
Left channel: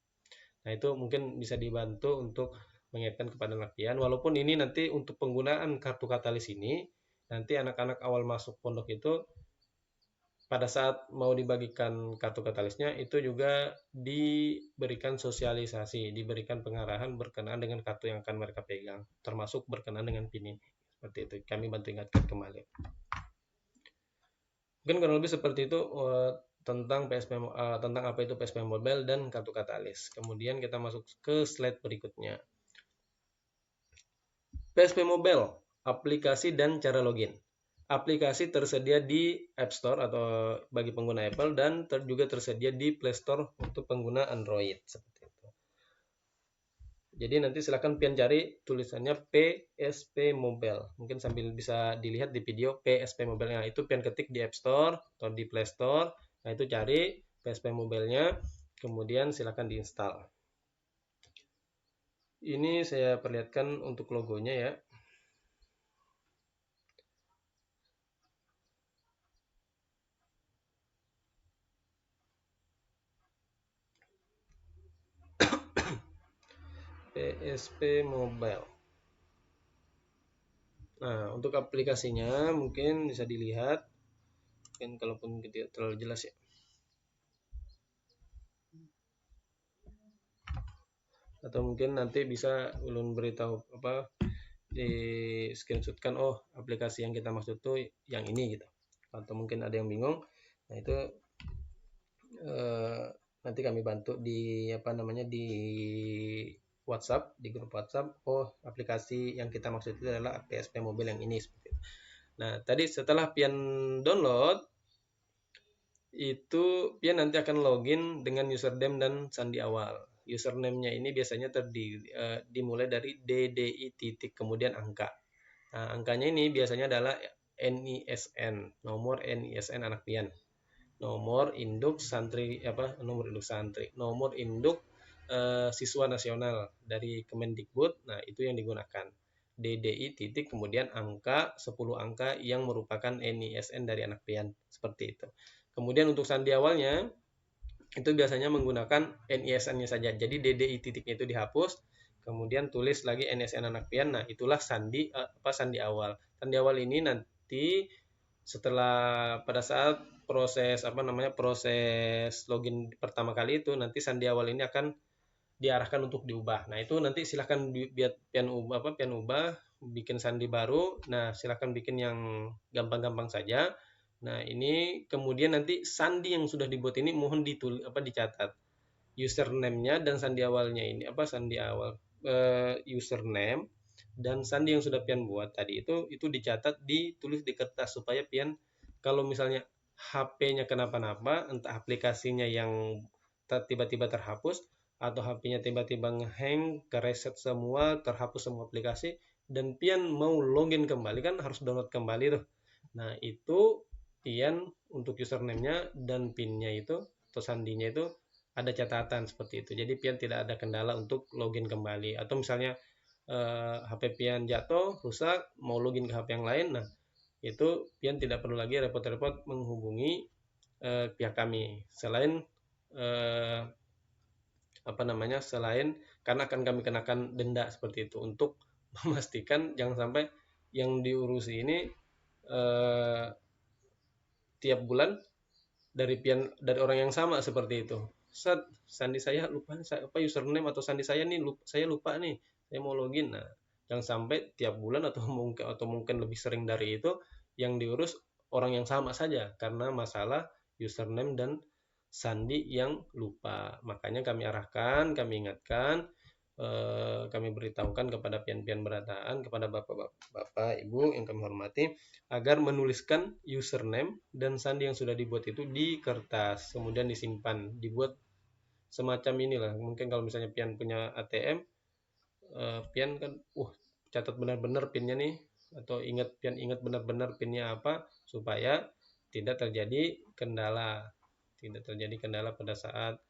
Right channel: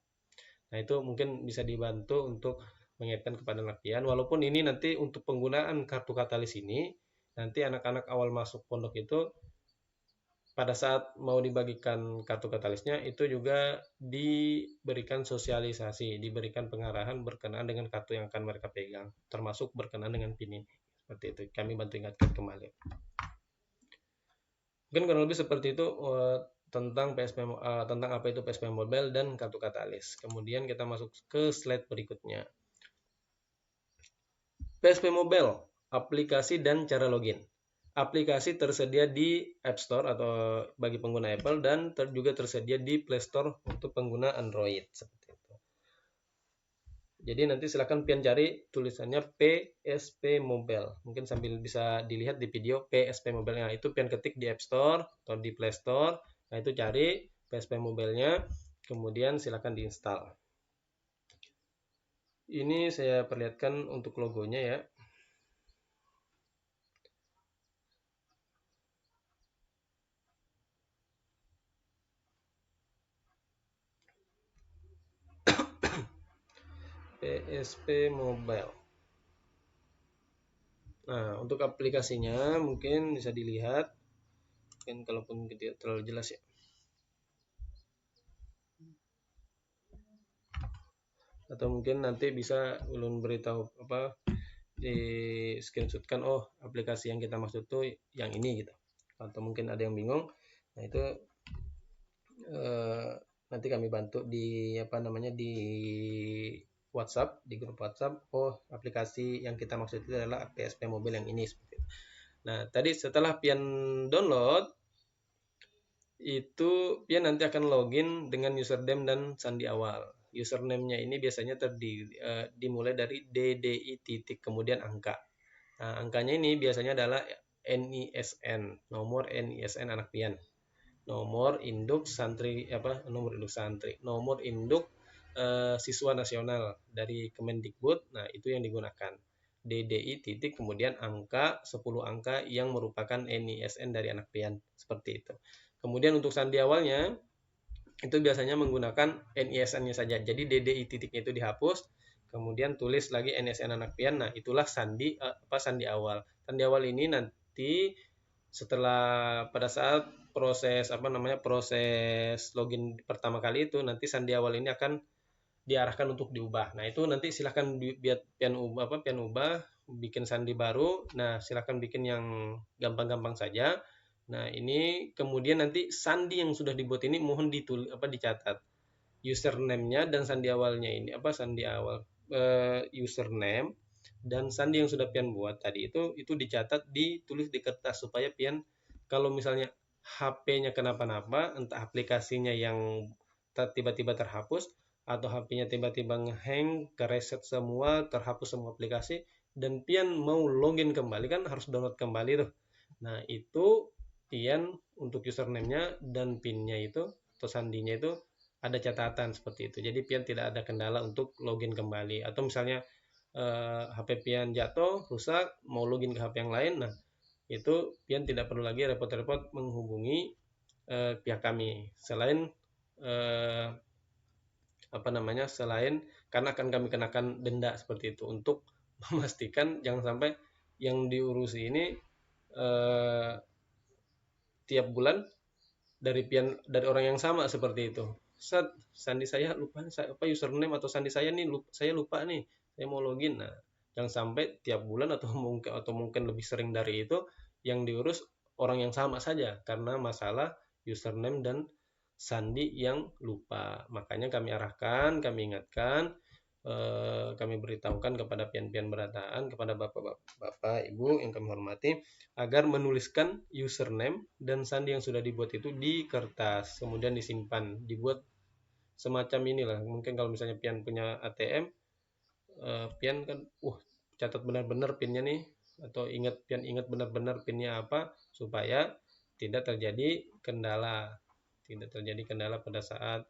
Nah, itu mungkin bisa dibantu untuk mengingatkan kepada anak pian. Walaupun ini nanti untuk penggunaan kartu katalis ini, nanti anak-anak awal masuk pondok itu pada saat mau dibagikan kartu katalisnya itu juga diberikan sosialisasi, diberikan pengarahan berkenaan dengan kartu yang akan mereka pegang, termasuk berkenaan dengan PIN. Seperti itu. Kami bantu ingatkan kembali. Mungkin kurang lebih seperti itu tentang apa itu PSP Mobile dan kartu katalis. Kemudian kita masuk ke slide berikutnya. PSP Mobile, aplikasi dan cara login. Aplikasi tersedia di App Store atau bagi pengguna Apple dan juga tersedia di Play Store untuk pengguna Android. Jadi nanti silakan pian cari tulisannya PSP Mobile. Mungkin sambil bisa dilihat di video PSP Mobile. Nah, itu pian ketik di App Store atau di Play Store. Nah, itu cari PSP Mobile-nya, kemudian silakan diinstal. Ini saya perlihatkan untuk logonya ya. PSP Mobile. Nah, untuk aplikasinya mungkin bisa dilihat. Mungkin kalaupun tidak terlalu jelas ya. Atau mungkin nanti bisa memberitahu di screenshotkan, oh aplikasi yang kita maksud itu yang ini gitu. Atau mungkin ada yang bingung, nah itu nanti kami bantu di di WhatsApp, di grup WhatsApp. Oh, aplikasi yang kita maksud itu adalah PSP Mobile yang ini. Nah, tadi setelah pian download itu pian nanti akan login dengan username dan sandi awal. Username-nya ini biasanya dimulai dari DDI titik kemudian angka. Nah, angkanya ini biasanya adalah NISN, nomor NISN anak pian. Nomor induk santri nomor induk siswa nasional dari Kemendikbud. Nah, itu yang digunakan. DDI titik kemudian angka 10 angka yang merupakan NISN dari anak pian, seperti itu. Kemudian untuk sandi awalnya itu biasanya menggunakan NISN-nya saja. Jadi DDI titiknya itu dihapus, kemudian tulis lagi NISN anak pian. Nah, itulah sandi sandi awal. Sandi awal ini nanti setelah pada saat proses proses login pertama kali itu, nanti sandi awal ini akan diarahkan untuk diubah. Nah, itu nanti silakan biar pian ubah, bikin sandi baru. Nah, silakan bikin yang gampang-gampang saja. Nah, ini kemudian nanti sandi yang sudah dibuat ini mohon dicatat username-nya dan sandi awalnya ini sandi awal username dan sandi yang sudah pian buat tadi itu dicatat, ditulis di kertas supaya pian kalau misalnya HP-nya kenapa-napa, entah aplikasinya yang tiba-tiba terhapus atau HP-nya tiba-tiba ngehang, kereset semua, terhapus semua aplikasi, dan pian mau login kembali kan harus download kembali. Nah, itu pian untuk username-nya dan PIN-nya itu atau sandinya itu ada catatan seperti itu. Jadi pian tidak ada kendala untuk login kembali. Atau misalnya HP pian jatuh, rusak, mau login HP yang lain, nah itu pian tidak perlu lagi repot-repot menghubungi pihak kami. Selain selain karena akan kami kenakan denda seperti itu untuk memastikan jangan sampai yang diurus ini tiap bulan dari orang yang sama seperti itu. Sandi saya lupa, username atau sandi saya ini saya lupa nih, saya mau login. Nah, jangan sampai tiap bulan atau mungkin lebih sering dari itu yang diurus orang yang sama saja karena masalah username dan sandi yang lupa. Makanya kami arahkan, kami ingatkan, kami beritahukan kepada pian-pian pendataan, kepada bapak ibu yang kami hormati, agar menuliskan username dan sandi yang sudah dibuat itu di kertas, kemudian disimpan, dibuat semacam ini lah. Mungkin kalau misalnya pian punya ATM, pian kan catat benar-benar pinnya nih, atau pian ingat benar-benar pinnya apa, supaya tidak terjadi kendala pada saat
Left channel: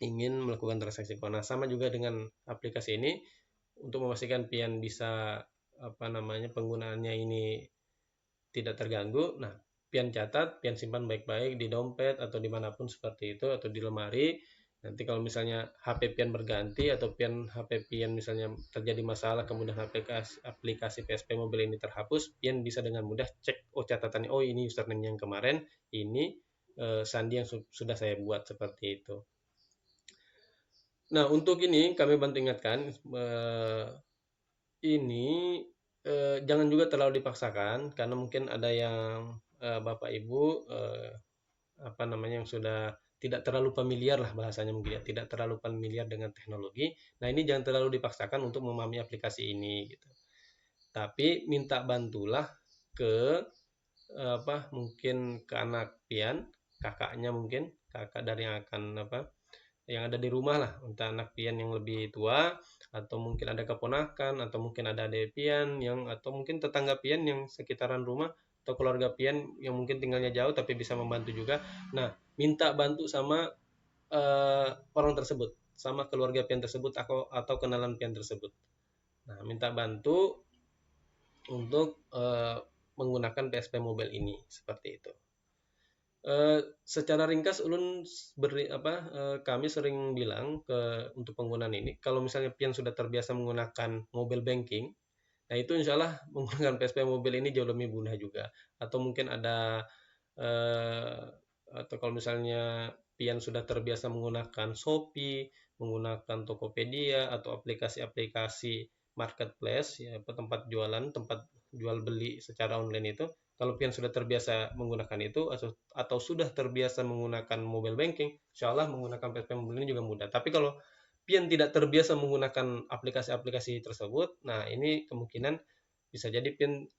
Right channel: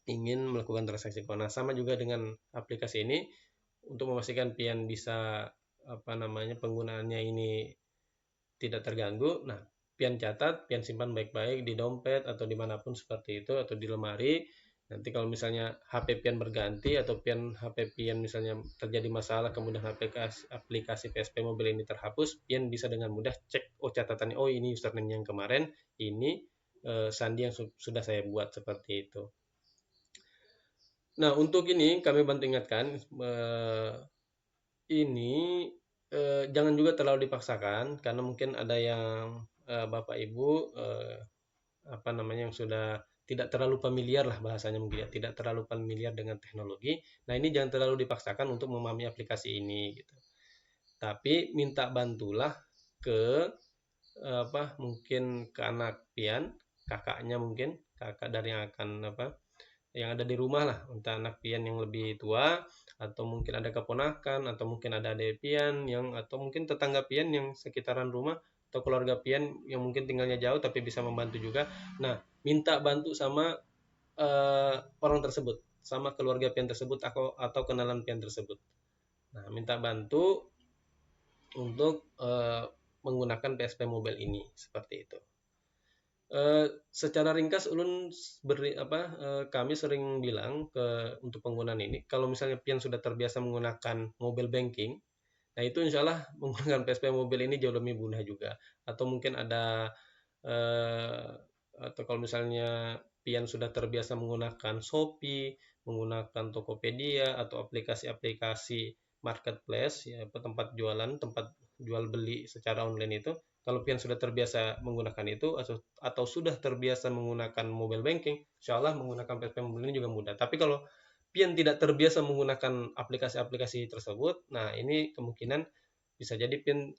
ingin melakukan transaksi. Nah, sama juga dengan aplikasi ini, untuk memastikan pian bisa penggunaannya ini tidak terganggu. Nah, pian catat, pian simpan baik-baik di dompet atau dimanapun seperti itu, atau di lemari. Nanti kalau misalnya HP pian berganti atau HP pian misalnya terjadi masalah, kemudian aplikasi PSP Mobile ini terhapus, pian bisa dengan mudah cek catatan, ini username-nya yang kemarin, ini sandi yang sudah saya buat seperti itu. Nah, untuk ini kami bantu ingatkan, ini jangan juga terlalu dipaksakan, karena mungkin ada yang bapak ibu yang sudah tidak terlalu familiar lah bahasanya, tidak terlalu familiar dengan teknologi. Nah, ini jangan terlalu dipaksakan untuk memahami aplikasi ini. Tapi minta bantulah ke mungkin ke anak pian, kakaknya mungkin, kakak dari yang akan yang ada di rumah lah, entah anak pian yang lebih tua, atau mungkin ada keponakan, atau mungkin ada adik pian atau mungkin tetangga pian yang sekitaran rumah, atau keluarga pian yang mungkin tinggalnya jauh tapi bisa membantu juga. Nah, minta bantu sama orang tersebut, sama keluarga pian tersebut atau kenalan pian tersebut. Nah, minta bantu untuk menggunakan PSP Mobile ini, seperti itu. Secara ringkas ulun kami sering bilang untuk penggunaan ini, kalau misalnya pian sudah terbiasa menggunakan mobile banking, nah itu insya Allah menggunakan PSP Mobile ini jauh lebih mudah juga. Atau mungkin ada atau kalau misalnya pian sudah terbiasa menggunakan Shopee, menggunakan Tokopedia atau aplikasi-aplikasi marketplace, tempat jual beli secara online itu, kalau pian sudah terbiasa menggunakan itu atau sudah terbiasa menggunakan mobile banking, insya Allah menggunakan PSP Mobile ini juga mudah. Tapi kalau pian tidak terbiasa menggunakan aplikasi-aplikasi tersebut, nah ini kemungkinan bisa jadi pian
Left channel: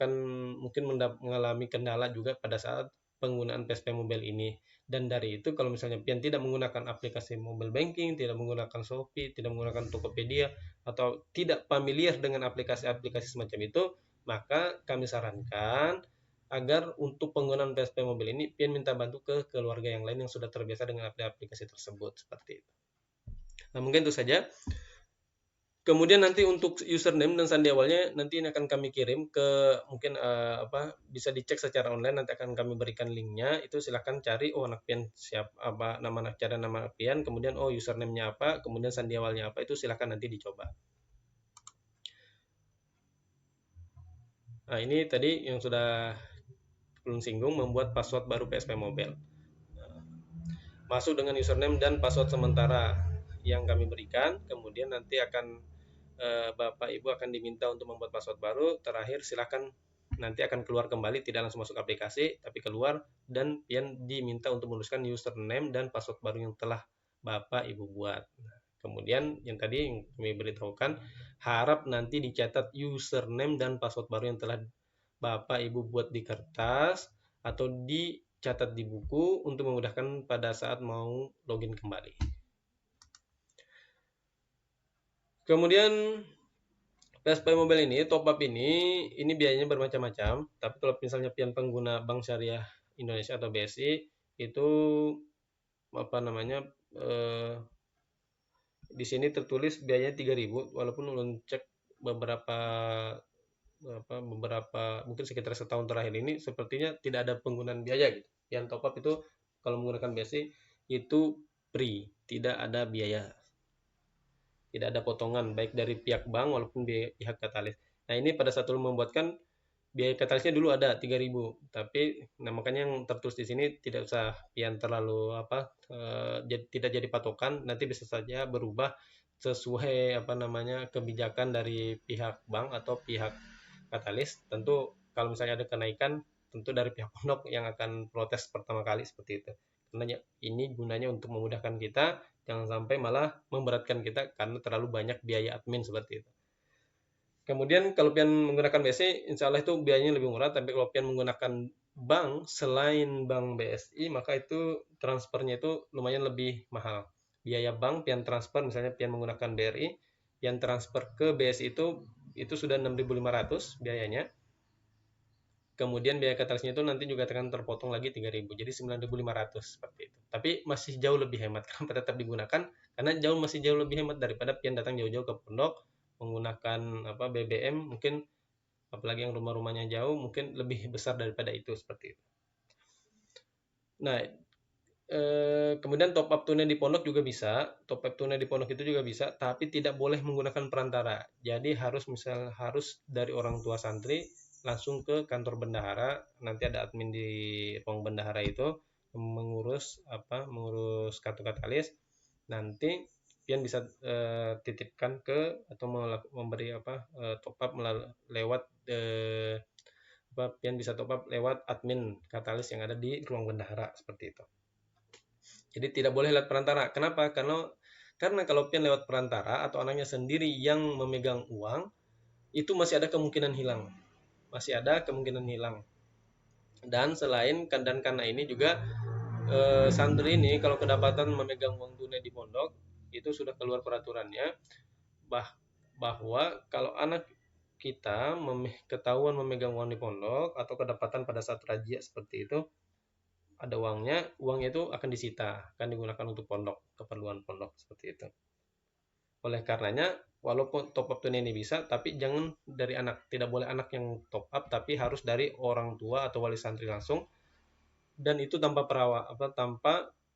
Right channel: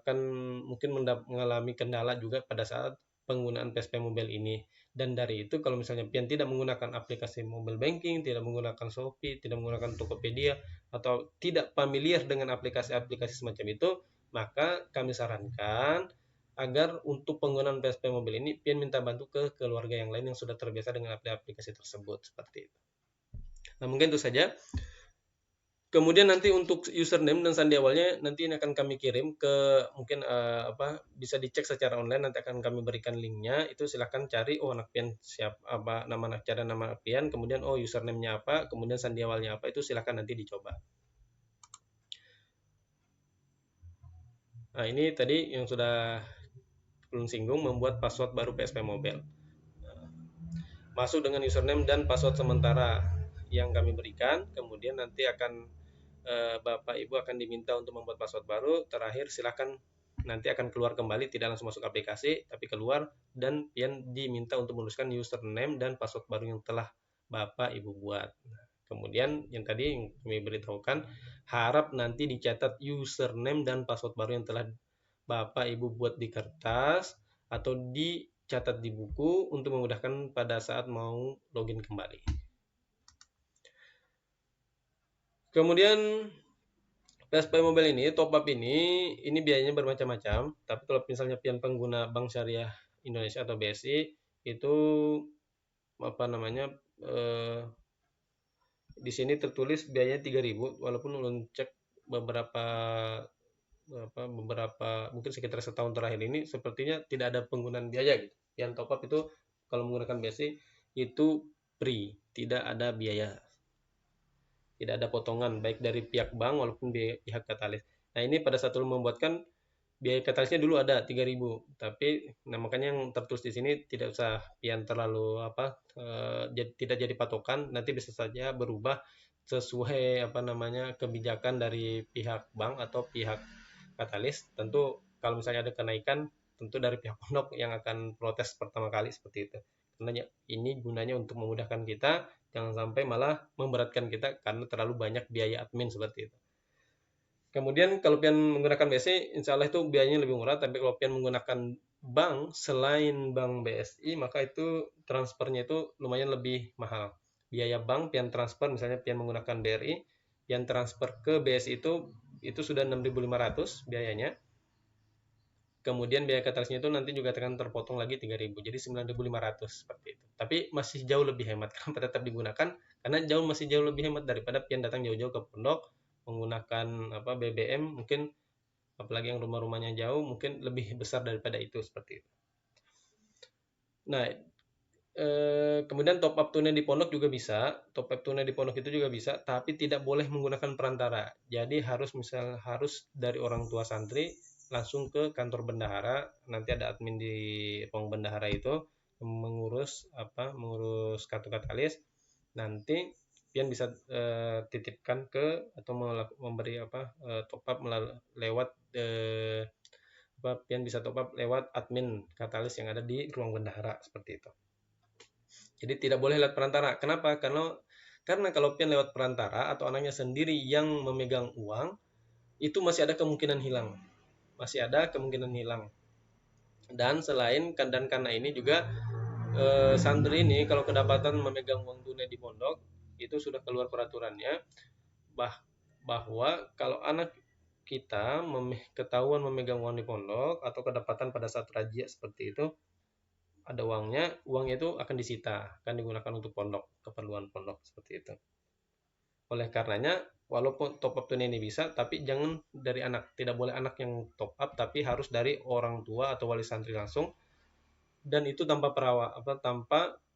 akan mungkin mengalami kendala juga pada saat penggunaan PSP Mobile ini. Dan dari itu, kalau misalnya pian tidak menggunakan aplikasi mobile banking, tidak menggunakan Shopee, tidak menggunakan Tokopedia, atau tidak familiar dengan aplikasi-aplikasi semacam itu, maka kami sarankan agar untuk penggunaan PSP Mobile ini pian minta bantu ke keluarga yang lain yang sudah terbiasa dengan aplikasi tersebut, seperti itu. Nah, mungkin itu saja. Kemudian nanti untuk username dan sandi awalnya nanti akan kami kirim ke mungkin bisa dicek secara online, nanti akan kami berikan linknya. Itu silakan cari anak pian siapa, nama cari nama anak pian, kemudian username-nya apa, kemudian sandi awalnya apa, itu silakan nanti dicoba. Nah, ini tadi yang sudah belum singgung, membuat password baru PSP Mobile. Masuk dengan username dan password sementara yang kami berikan, kemudian nanti akan Bapak Ibu akan diminta untuk membuat password baru. Terakhir silakan nanti akan keluar kembali, tidak langsung masuk aplikasi, tapi keluar dan pian diminta untuk menuliskan username dan password baru yang telah Bapak Ibu buat. Kemudian yang tadi kami beritahukan, harap nanti dicatat username dan password baru yang telah Bapak Ibu buat di kertas atau dicatat di buku untuk memudahkan pada saat mau login kembali. Kemudian PSP Mobile ini, top up ini biayanya bermacam-macam. Tapi kalau misalnya pian pengguna Bank Syariah Indonesia atau BSI itu di sini tertulis biayanya 3.000, walaupun cek beberapa mungkin sekitar setahun terakhir ini sepertinya tidak ada penggunaan biaya gitu. Yang top up itu kalau menggunakan BSI itu free, tidak ada biaya. Tidak ada potongan baik dari pihak bank maupun pihak katalis. Nah, ini pada saat lu membuatkan biaya katalisnya dulu ada 3.000, tapi makanya yang tertulis di sini tidak usah yang terlalu jadi tidak jadi patokan, nanti bisa saja berubah sesuai kebijakan dari pihak bank atau pihak katalis. Tentu kalau misalnya ada kenaikan, tentu dari pihak pondok yang akan protes pertama kali seperti itu. Tentunya ini gunanya untuk memudahkan kita, jangan sampai malah memberatkan kita karena terlalu banyak biaya admin seperti itu. Kemudian kalau pian menggunakan BSI, insya Allah itu biayanya lebih murah. Tapi kalau pian menggunakan bank selain bank BSI, maka itu transfernya itu lumayan lebih mahal. Biaya bank pian transfer, misalnya pian menggunakan BRI, pian transfer ke BSI itu sudah 6.500 biayanya. Kemudian biaya katalisnya itu nanti juga akan terpotong lagi 3.000, jadi 9.500 seperti itu. Tapi masih jauh lebih hemat karena tetap digunakan, karena masih jauh lebih hemat daripada pian datang jauh-jauh ke pondok menggunakan BBM, mungkin apalagi yang rumah-rumahnya jauh mungkin lebih besar daripada itu seperti itu. Nah, kemudian top up tunai di pondok juga bisa. Top up tunai di pondok itu juga bisa, tapi tidak boleh menggunakan perantara. Jadi harus dari orang tua santri langsung ke kantor bendahara. Nanti ada admin di pondok bendahara itu mengurus kartu katalis. Nanti pian bisa titipkan ke atau memberi top up lewat pian bisa top up lewat admin katalis yang ada di pondok bendahara seperti itu. Jadi tidak boleh lewat perantara. Kenapa? Karena kalau pian lewat perantara atau orangnya sendiri yang memegang uang, itu masih ada kemungkinan hilang. Dan selain karena ini juga santri ini kalau kedapatan memegang uang tunai di pondok, itu sudah keluar peraturannya bahwa kalau anak kita ketahuan memegang uang di pondok atau kedapatan pada saat tajia seperti itu, ada uangnya itu akan disita karena digunakan untuk pondok, keperluan pondok seperti itu. Oleh karenanya, walaupun top up tunai ini bisa, tapi jangan dari anak, tidak boleh anak yang top up, tapi harus dari orang tua atau wali santri langsung, dan itu tanpa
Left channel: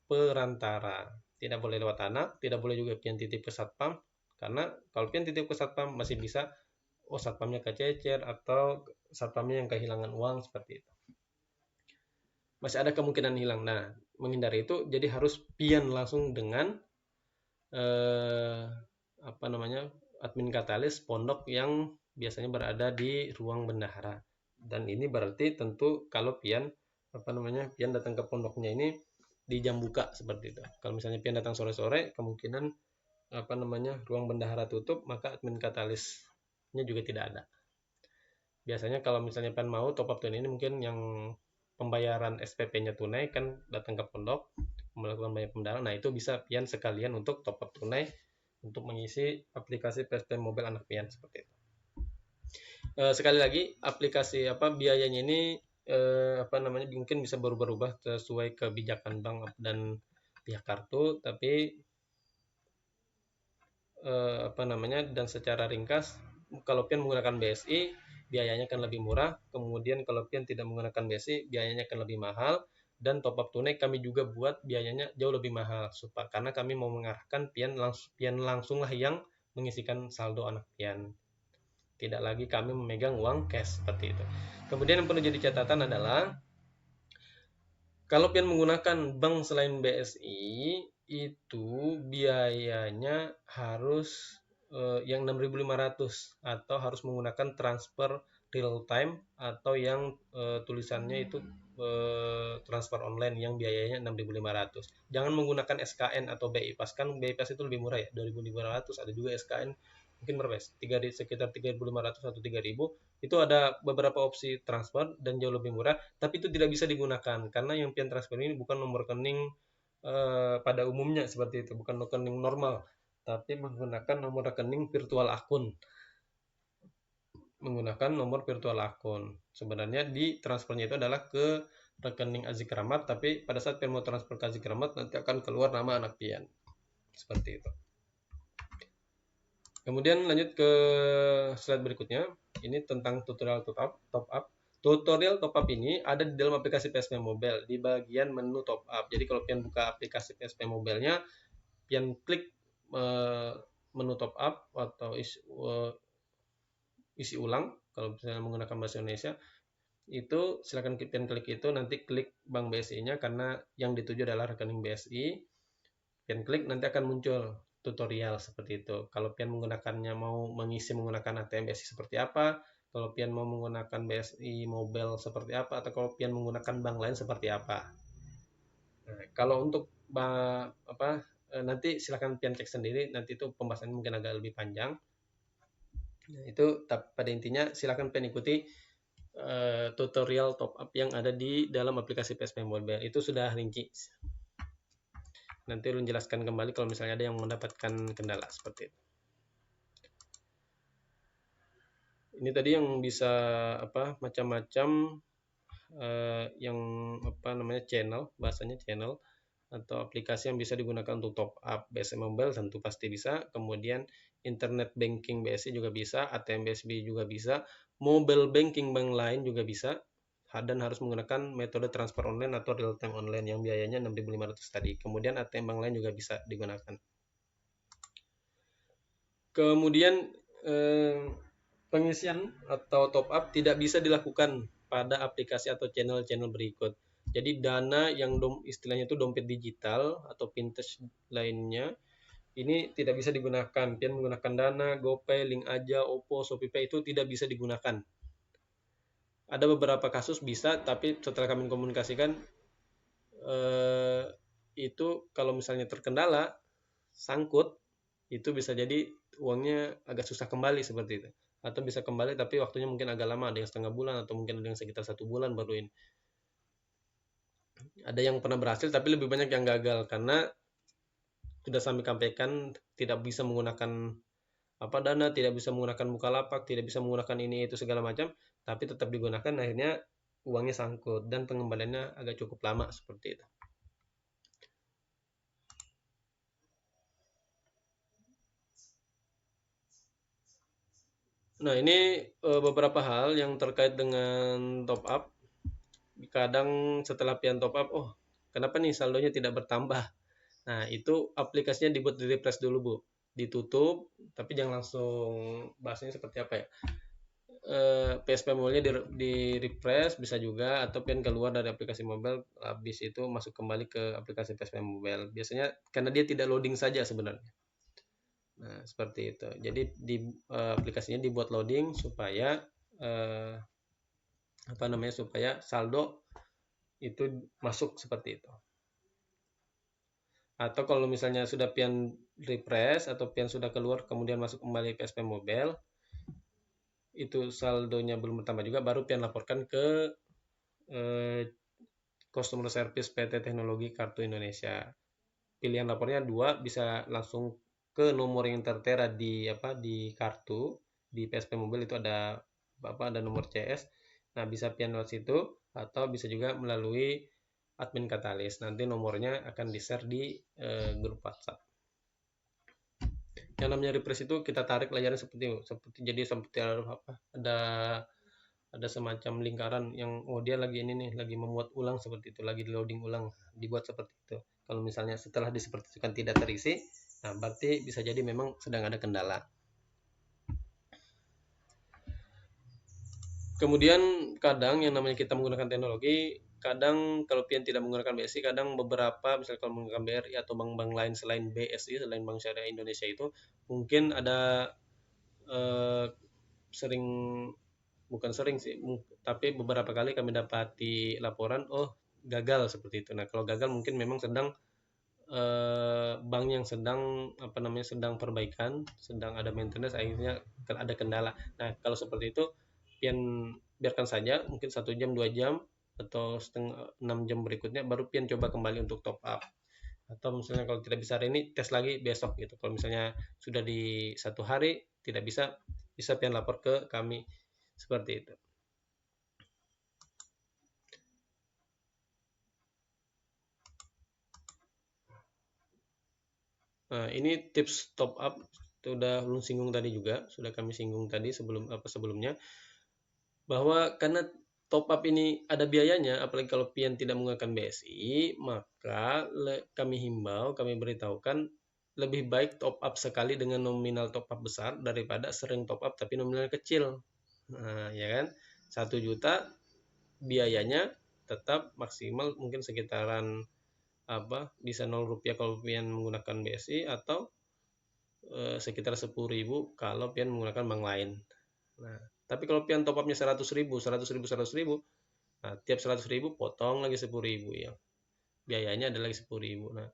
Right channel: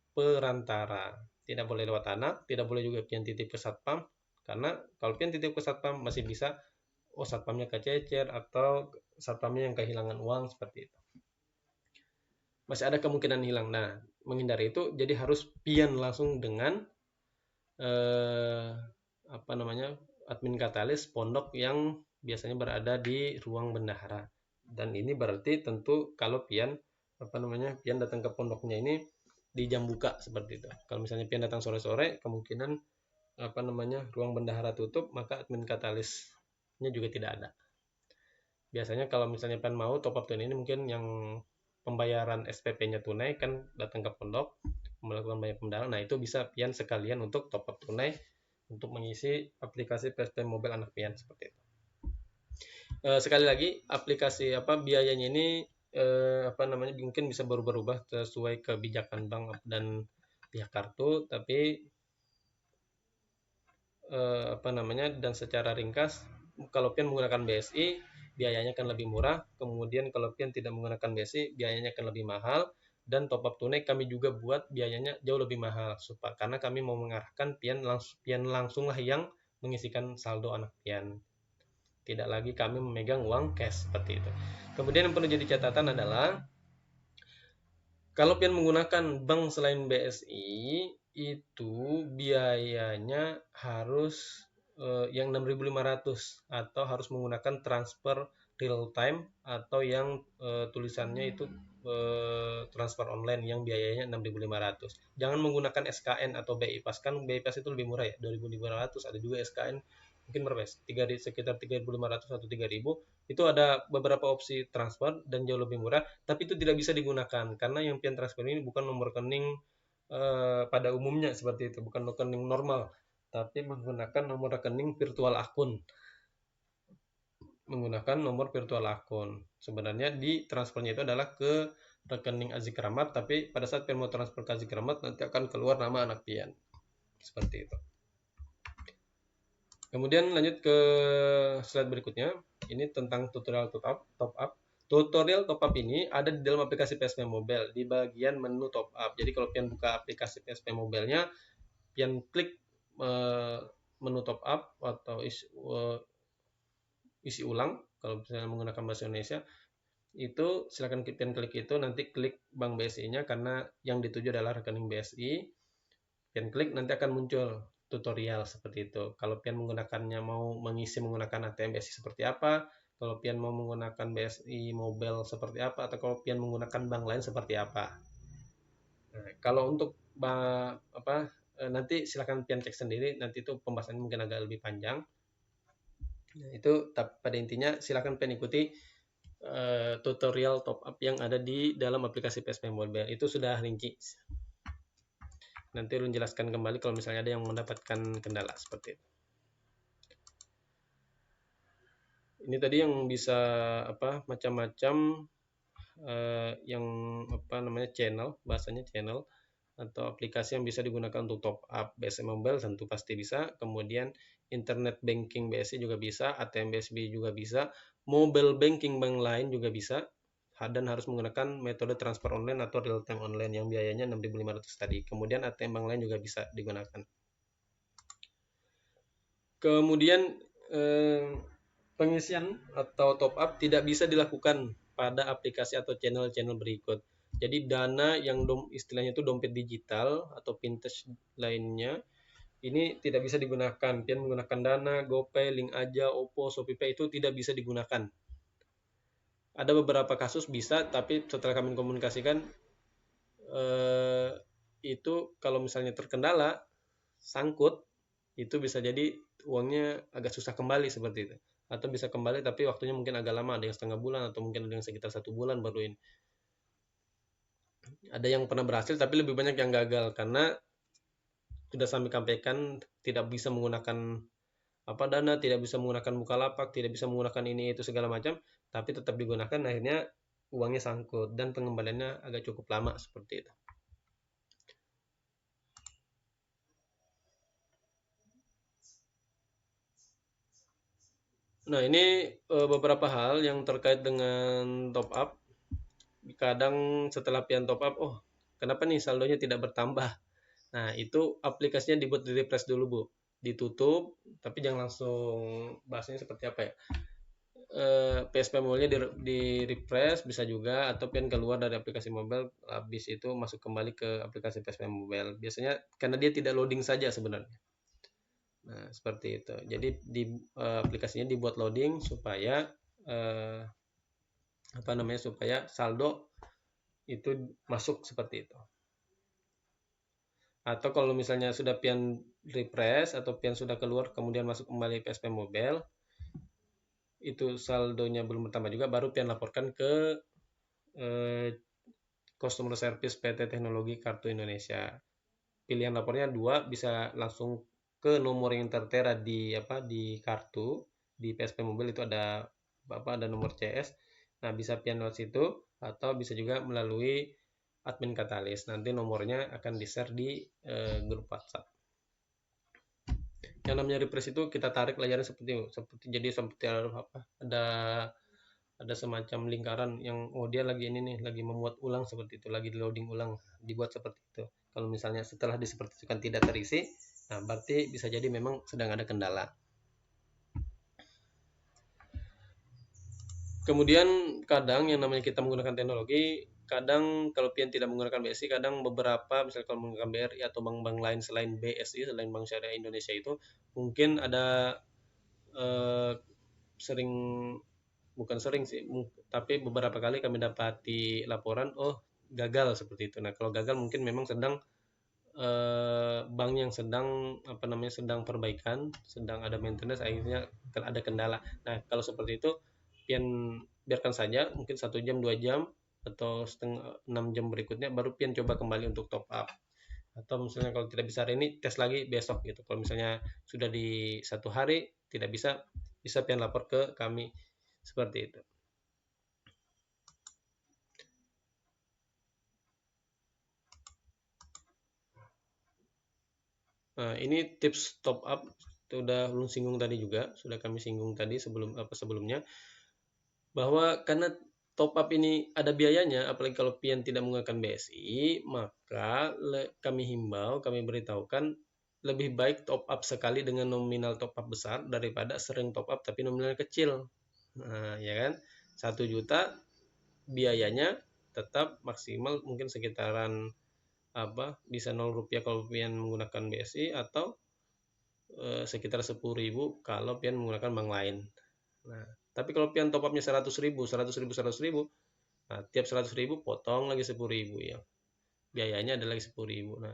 perantara. Tidak boleh lewat anak, tidak boleh juga pian titip ke satpam, karena kalau pian titip ke satpam masih bisa satpamnya kececer atau satpamnya yang kehilangan uang seperti itu. Masih ada kemungkinan hilang. Nah, menghindari itu jadi harus pian langsung dengan admin katalis pondok yang biasanya berada di ruang bendahara. Dan ini berarti tentu kalau pian datang ke pondoknya ini di jam buka seperti itu. Kalau misalnya pian datang sore-sore, kemungkinan ruang bendahara tutup, maka admin katalisnya juga tidak ada. Biasanya kalau misalnya pian mau top up ini, mungkin yang pembayaran SPP-nya tunai kan datang ke pondok melalui pembayaran. Nah, itu bisa pian sekalian untuk top up tunai untuk mengisi aplikasi PSP Mobile anak pian seperti itu. Sekali lagi, aplikasi biayanya ini mungkin bisa berubah sesuai kebijakan bank dan pihak kartu, tapi dan secara ringkas, kalau pian menggunakan BSI biayanya akan lebih murah, kemudian kalau pian tidak menggunakan BSI biayanya akan lebih mahal, dan top up tunai kami juga buat biayanya jauh lebih mahal karena kami mau mengarahkan pian langsung lah yang mengisikan saldo anak pian, tidak lagi kami memegang uang cash seperti itu. Kemudian yang perlu jadi catatan adalah kalau pian menggunakan bank selain BSI itu biayanya harus yang 6.500 atau harus menggunakan transfer real time atau yang tulisannya itu transfer online yang biayanya 6.500. Jangan menggunakan SKN atau BI Pas, kan BI Pas itu lebih murah ya, 2.500, ada juga SKN mungkin berapa, sekitar 3.500 atau 3.000. Itu ada beberapa opsi transfer dan jauh lebih murah, tapi itu tidak bisa digunakan karena yang pian transfer ini bukan nomor rekening pada umumnya seperti itu, bukan rekening normal, tapi menggunakan nomor rekening virtual akun. Sebenarnya di transfernya itu adalah ke rekening Aziz Rahmat, tapi pada saat pian mau transfer ke Aziz Rahmat nanti akan keluar nama anak pian seperti itu. Kemudian lanjut ke slide berikutnya. Ini tentang tutorial top up. Tutorial top up ini ada di dalam aplikasi PSM Mobile di bagian menu top up. Jadi kalau pian buka aplikasi PSM Mobile-nya, pian klik menu top up atau isi ulang kalau misalnya menggunakan bahasa Indonesia, itu silakan pian klik itu, nanti klik bank BSI-nya karena yang dituju adalah rekening BSI. Pian klik nanti akan muncul tutorial seperti itu. Kalau pian menggunakannya mau mengisi menggunakan ATM BSI seperti apa, kalau pian mau menggunakan BSI Mobile seperti apa, atau kalau pian menggunakan bank lain seperti apa. Nah, kalau untuk nanti silakan pian cek sendiri, nanti itu pembahasannya mungkin agak lebih panjang. Itu pada intinya silakan pian ikuti tutorial top up yang ada di dalam aplikasi PSM Mobile, itu sudah rinci. Nanti menjelaskan kembali kalau misalnya ada yang mendapatkan kendala seperti itu. Ini tadi yang bisa macam-macam yang channel, bahasanya channel atau aplikasi yang bisa digunakan untuk top up BSI Mobile tentu pasti bisa. Kemudian internet banking BSI juga bisa, ATM BSI juga bisa, mobile banking bank lain juga bisa. Dan harus menggunakan metode transfer online atau real time online yang biayanya 6.500 tadi. Kemudian ATM bank lain juga bisa digunakan. Kemudian pengisian atau top up tidak bisa dilakukan pada aplikasi atau channel-channel berikut. Jadi dana yang istilahnya itu dompet digital atau fintech lainnya ini tidak bisa digunakan. Pian menggunakan Dana, GoPay, Link Aja, Oppo, ShopeePay itu tidak bisa digunakan. Ada beberapa kasus bisa, tapi setelah kami komunikasikan itu kalau misalnya terkendala sangkut, itu bisa jadi uangnya agak susah kembali seperti itu, atau bisa kembali tapi waktunya mungkin agak lama, ada setengah bulan atau mungkin dengan sekitar 1 bulan baru ini. Ada yang pernah berhasil tapi lebih banyak yang gagal karena sudah kami sampaikan tidak bisa menggunakan Dana, tidak bisa menggunakan Bukalapak, tidak bisa menggunakan ini itu segala macam, tapi tetap digunakan, akhirnya uangnya sangkut dan pengembaliannya agak cukup lama seperti itu. Nah, ini beberapa hal yang terkait dengan top up. Kadang setelah pian top up, kenapa nih saldonya tidak bertambah? Nah, itu aplikasinya dibuat di refresh dulu, ditutup, tapi jangan langsung bahasnya seperti apa ya. PSP Mobile di refresh bisa juga, atau pian keluar dari aplikasi mobile, habis itu masuk kembali ke aplikasi PSP Mobile. Biasanya karena dia tidak loading saja sebenarnya. Nah, seperti itu. Jadi di aplikasi ini dibuat loading supaya supaya saldo itu masuk seperti itu. Atau kalau misalnya sudah pian refresh atau pian sudah keluar kemudian masuk kembali ke PSP Mobile, itu saldonya belum tambah juga, baru pian laporkan ke customer service PT Teknologi Kartu Indonesia. Pilihan lapornya 2, bisa langsung ke nomor yang tertera di kartu di PSP Mobile, itu ada nomor CS. Nah, bisa pian lewat situ atau bisa juga melalui admin Katalis. Nanti nomornya akan di-share di grup WhatsApp. Yang namanya refresh itu kita tarik layarnya jadi seperti apa? Ada semacam lingkaran yang dia lagi ini lagi membuat ulang seperti itu, lagi loading ulang, dibuat seperti itu. Kalau misalnya setelah disepertikan tidak terisi, nah berarti bisa jadi memang sedang ada kendala. Kemudian kadang yang namanya kita menggunakan teknologi, kadang kalau pian tidak menggunakan BSI, kadang beberapa misalnya kalau menggunakan BRI atau bank-bank lain selain BSI, selain Bank Syariah Indonesia itu mungkin ada sering, bukan sering sih, tapi beberapa kali kami mendapati laporan gagal seperti itu. Nah kalau gagal mungkin memang sedang bank yang sedang sedang perbaikan, sedang ada maintenance, akhirnya ada kendala. Nah kalau seperti itu biarkan saja, mungkin 1 jam 2 jam atau 6 jam berikutnya baru pian coba kembali untuk top up. Atau misalnya kalau tidak bisa hari ini, tes lagi besok gitu. Kalau misalnya sudah di 1 hari tidak bisa pian lapor ke kami seperti itu. Nah ini tips top up sudah singgung tadi juga, sudah kami singgung tadi sebelumnya, bahwa karena top up ini ada biayanya, apalagi kalau pian tidak menggunakan BSI, maka kami himbau, kami beritahukan lebih baik top up sekali dengan nominal top up besar daripada sering top up tapi nominal kecil. Nah ya kan, 1 juta biayanya tetap maksimal mungkin sekitaran bisa 0 rupiah kalau pian menggunakan BSI, atau sekitar 10.000 kalau pian menggunakan bank lain. Nah, tapi kalau pian top upnya 100.000, nah tiap 100.000 potong lagi 10.000 ya. Biayanya adalah 10.000. Nah,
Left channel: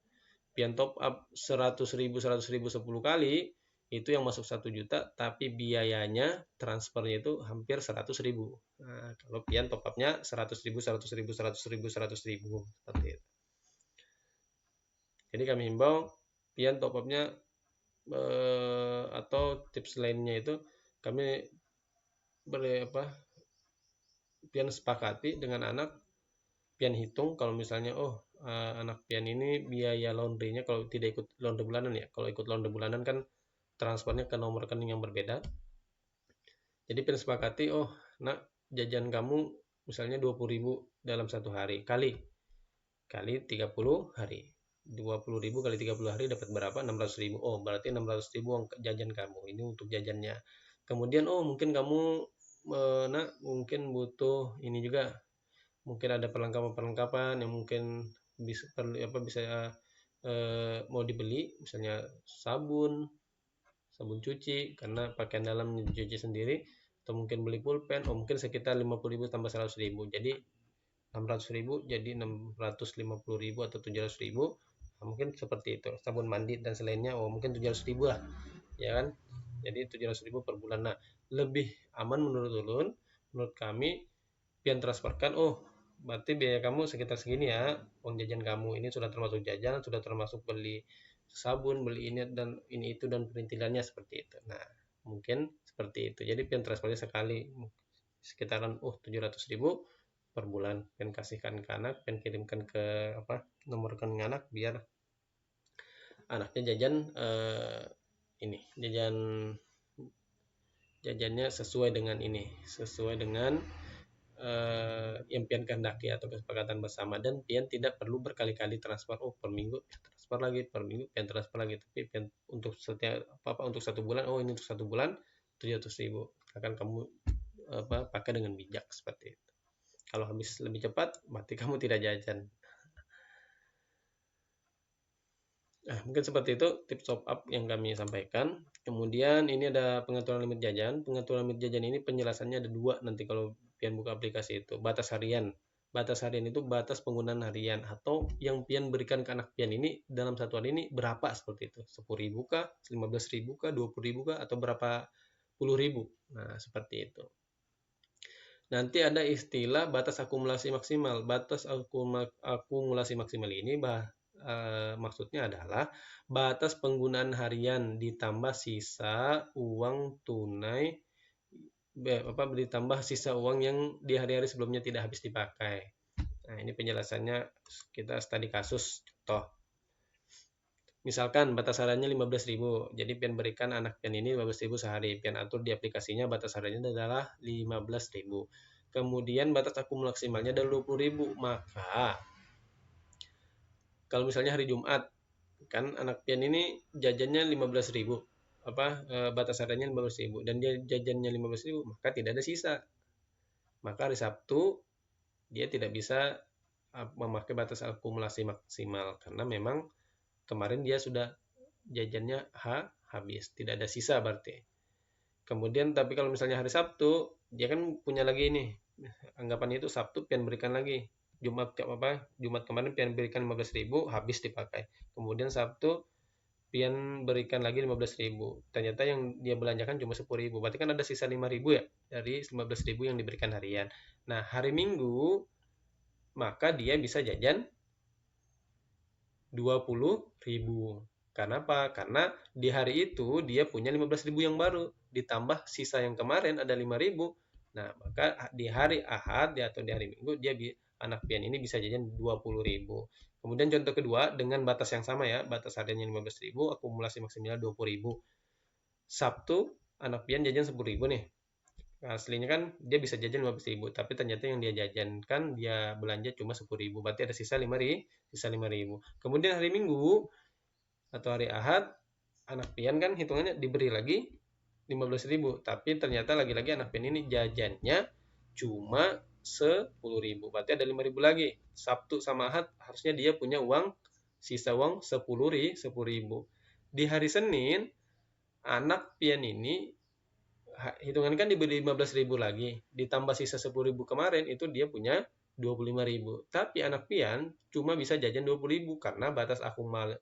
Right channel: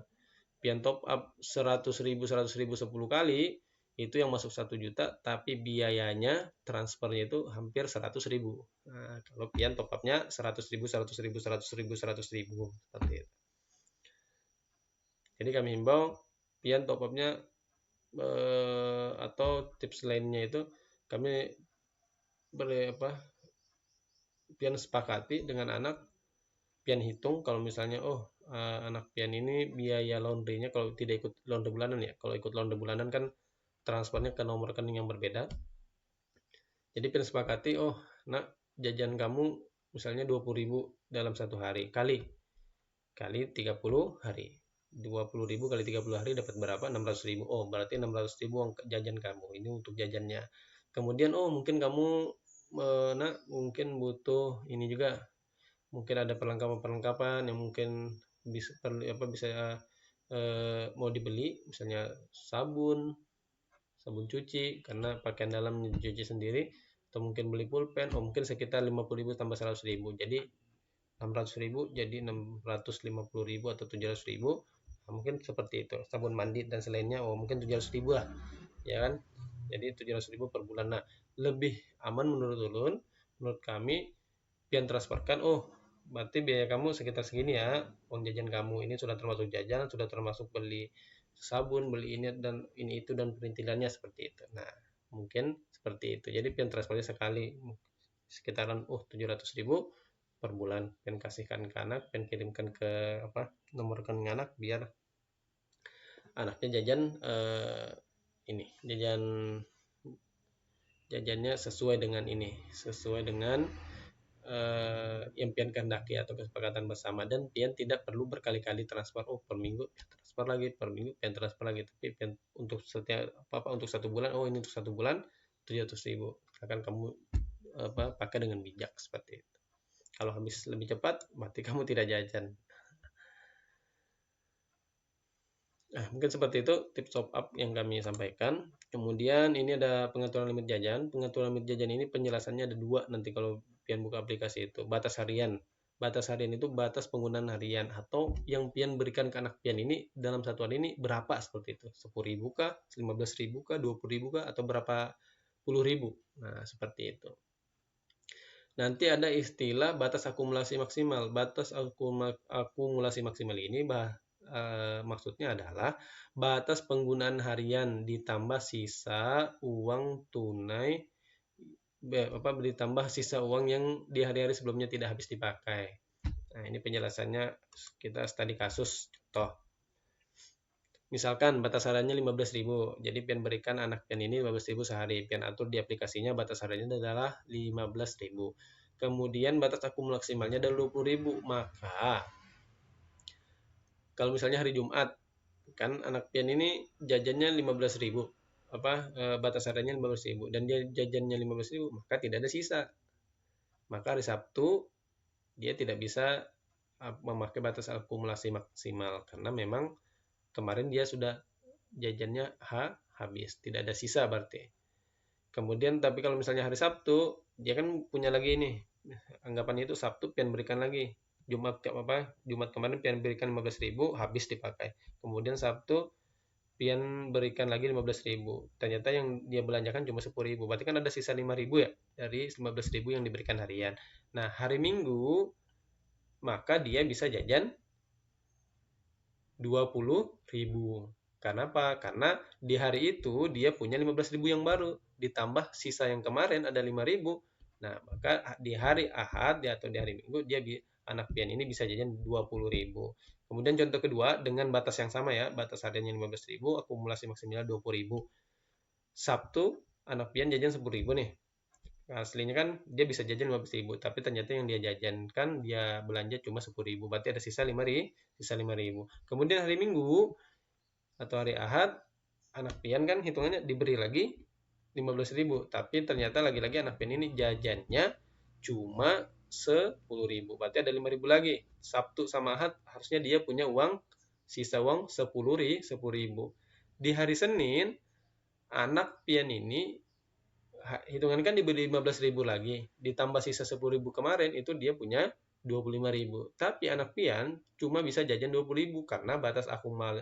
pian top up 100.000 10 kali itu yang masuk 1 juta, tapi biayanya transfernya itu hampir 100.000. Nah, kalau pian top upnya 100.000 seperti itu. Jadi kami himbau pian top upnya atau tips lainnya itu kami pian sepakati dengan anak, pian hitung kalau misalnya anak pian ini biaya laundrynya kalau tidak ikut laundry bulanan ya, kalau ikut laundry bulanan kan transfernya ke nomor rekening yang berbeda. Jadi pian sepakati nak jajan kamu misalnya 20.000 dalam 1 hari kali 30 hari, 20.000 kali 30 hari dapat berapa? 16.000. Berarti 16.000 jajan kamu ini untuk jajannya. Kemudian mungkin kamu mungkin butuh ini juga, mungkin ada perlengkapan yang mungkin bisa mau dibeli, misalnya sabun cuci karena pakaian dalam cuci sendiri, atau mungkin beli pulpen, mungkin sekitar 50.000 tambah 100.000, jadi 16.000 jadi 650.000 atau 700.000, mungkin seperti itu. Sabun mandi dan selainnya mungkin 700.000 lah, ya kan? Jadi 700.000 per bulan. Nah, lebih aman menurut kami pian transferkan, berarti biaya kamu sekitar segini ya, uang jajan kamu ini sudah termasuk jajan, sudah termasuk beli sabun, beli ini dan ini itu dan perintilannya seperti itu. Nah, mungkin seperti itu. Jadi pian transfer sekali sekitaran 700.000 per bulan, pian kasihkan ke anak, pian kirimkan ke nomor rekening anak biar anaknya jajan jajannya sesuai dengan yang pian kehendaki atau kesepakatan bersama, dan pian tidak perlu berkali-kali transfer per minggu pian transfer lagi, tapi pian untuk untuk 1 bulan untuk 1 bulan 700.000 akan kamu pakai dengan bijak seperti itu. Kalau bisa lebih cepat berarti kamu tidak jajan. Mungkin seperti itu tips top up yang kami sampaikan. Kemudian ini ada pengaturan limit jajan. Pengaturan limit jajan ini penjelasannya ada 2 nanti kalau pian buka aplikasi itu. Batas harian. Batas harian itu batas penggunaan harian atau yang pian berikan ke anak pian ini dalam 1 hari ini berapa seperti itu. 10.000 kah, 15.000 kah, 20.000 kah, atau berapa puluh ribu. Nah, seperti itu. Nanti ada istilah batas akumulasi maksimal. Batas akumulasi maksimal ini maksudnya adalah batas penggunaan harian ditambah sisa uang tunai, ditambah sisa uang yang di hari-hari sebelumnya tidak habis dipakai. Nah, ini penjelasannya kita studi kasus Misalkan batas hariannya 15.000, jadi pian berikan anak pian ini 15.000 sehari, pian atur di aplikasinya batas hariannya adalah 15.000. Kemudian batas akumulasi maksimalnya ada 20.000, maka kalau misalnya hari Jumat, kan anak pian ini jajannya 15.000, batas hariannya 15.000, dan dia jajannya 15.000, maka tidak ada sisa. Maka hari Sabtu dia tidak bisa memakai batas akumulasi maksimal karena memang kemarin dia sudah jajannya habis, tidak ada sisa berarti. Kemudian tapi kalau misalnya hari Sabtu dia kan punya lagi nih, anggapan itu Sabtu pian berikan lagi, Jumat kemarin pian berikan 15.000 habis dipakai, kemudian Sabtu pian berikan lagi 15.000, ternyata yang dia belanjakan cuma 10.000, berarti kan ada sisa 5.000 ya dari 15.000 yang diberikan harian. Nah hari Minggu maka dia bisa jajan 20.000. Karena apa? Karena di hari itu dia punya 15.000 yang baru, ditambah sisa yang kemarin ada 5.000. Nah, maka di hari Ahad atau di hari Minggu anak pian ini bisa jajan 20.000. Kemudian contoh kedua dengan batas yang sama ya, batas hariannya 15.000, akumulasi maksimalnya 20.000. Sabtu anak pian jajan 10.000 nih. Nah, aslinya kan dia bisa jajan 15.000, tapi ternyata yang dia jajankan ya belanja cuma 10.000, berarti ada sisa 5.000. Kemudian hari Minggu atau hari Ahad anak pian kan hitungannya diberi lagi 15.000, tapi ternyata lagi-lagi anak pian ini jajannya cuma 10.000, berarti ada 5.000 lagi. Sabtu sama Ahad harusnya dia punya sisa uang 10.000. Di hari Senin anak pian ini hitungan kan diberi 15.000 lagi, ditambah sisa 10.000 kemarin, itu dia punya 25.000. Tapi anak pian cuma bisa jajan 20.000 karena batas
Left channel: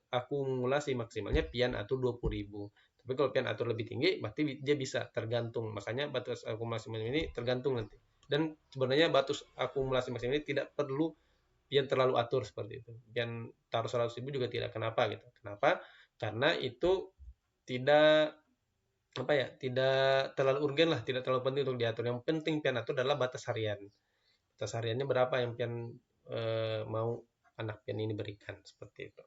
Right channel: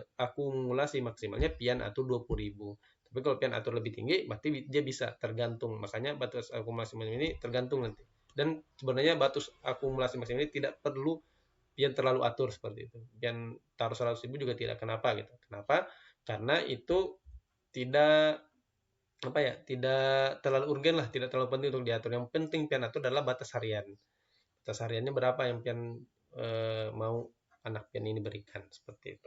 akumulasi maksimalnya pian atur 20.000. Tapi kalau pian atur lebih tinggi, berarti dia bisa tergantung. Makanya batas akumulasi ini tergantung nanti. Dan sebenarnya batas akumulasi ini tidak perlu pian terlalu atur seperti itu. Pian taruh 100.000 juga tidak kenapa gitu. Kenapa? Karena itu tidak tidak terlalu urgen lah, tidak terlalu penting untuk diatur. Yang penting pian atur adalah batas harian. Batas hariannya berapa yang pian mau anak pian ini berikan, seperti itu.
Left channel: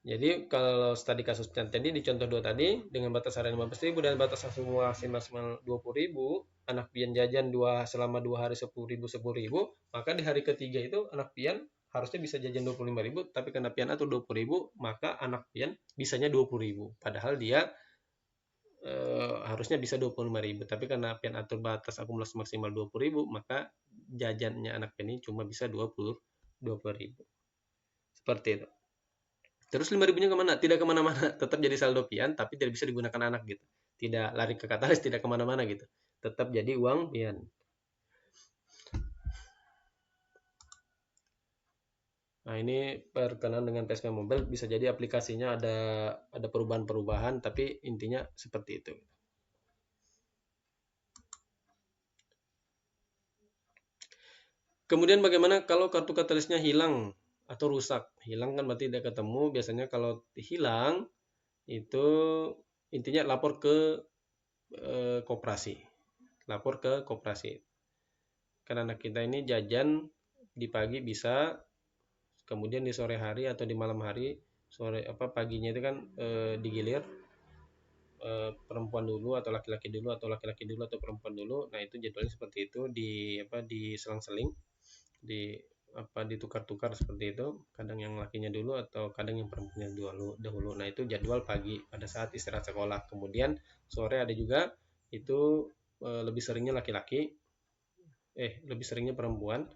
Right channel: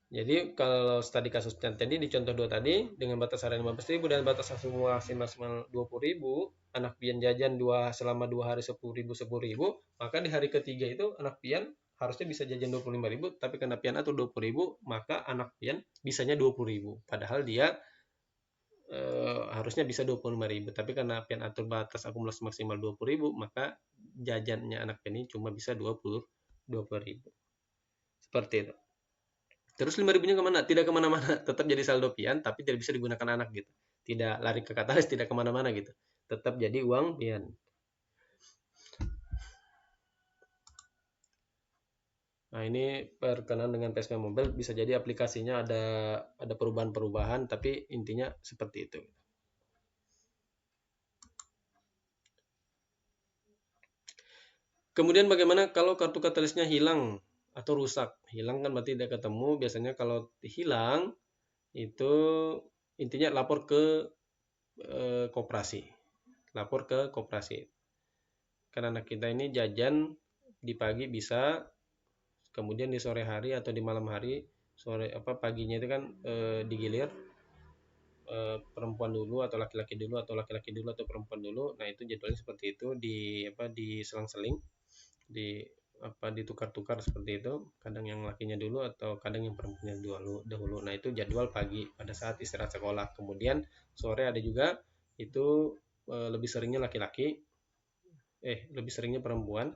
Jadi kalau tadi kasus tadi di contoh tadi dengan batas harian 15.000 dan batas akumulasi maksimal 20.000, anak pian jajan selama 2 hari 10.000, maka di hari ketiga itu anak pian harusnya bisa jajan 25.000, tapi karena pian atur 20.000, maka anak pian bisanya 20.000. Padahal dia harusnya bisa 25.000, tapi karena pian atur batas akumulasi maksimal 20.000, maka jajannya anak pian ini cuma bisa 20.000. Seperti itu. Terus berikutnya kemana? Tidak kemana-mana, tetap jadi saldo pian, tapi tidak bisa digunakan anak gitu. Tidak lari ke kas, tidak kemana-mana gitu. Tetap jadi uang pian. Nah ini perkenalan dengan PSK Mobile, bisa jadi aplikasinya ada perubahan-perubahan, tapi intinya seperti itu. Kemudian bagaimana kalau kartu KTP-nya hilang atau rusak? Hilang kan berarti tidak ketemu. Biasanya kalau hilang itu intinya lapor ke koperasi. Lapor ke koperasi. Karena anak kita ini jajan di pagi bisa, kemudian di sore hari atau di malam hari, paginya itu kan digilir perempuan dulu atau laki-laki dulu atau laki-laki dulu atau perempuan dulu. Nah itu jadwalnya seperti itu, di selang-seling, ditukar-tukar seperti itu, kadang yang lakinya dulu atau kadang yang perempuannya dulu. Nah itu jadwal pagi pada saat istirahat sekolah. Kemudian sore ada juga, itu lebih seringnya laki-laki, lebih seringnya perempuan.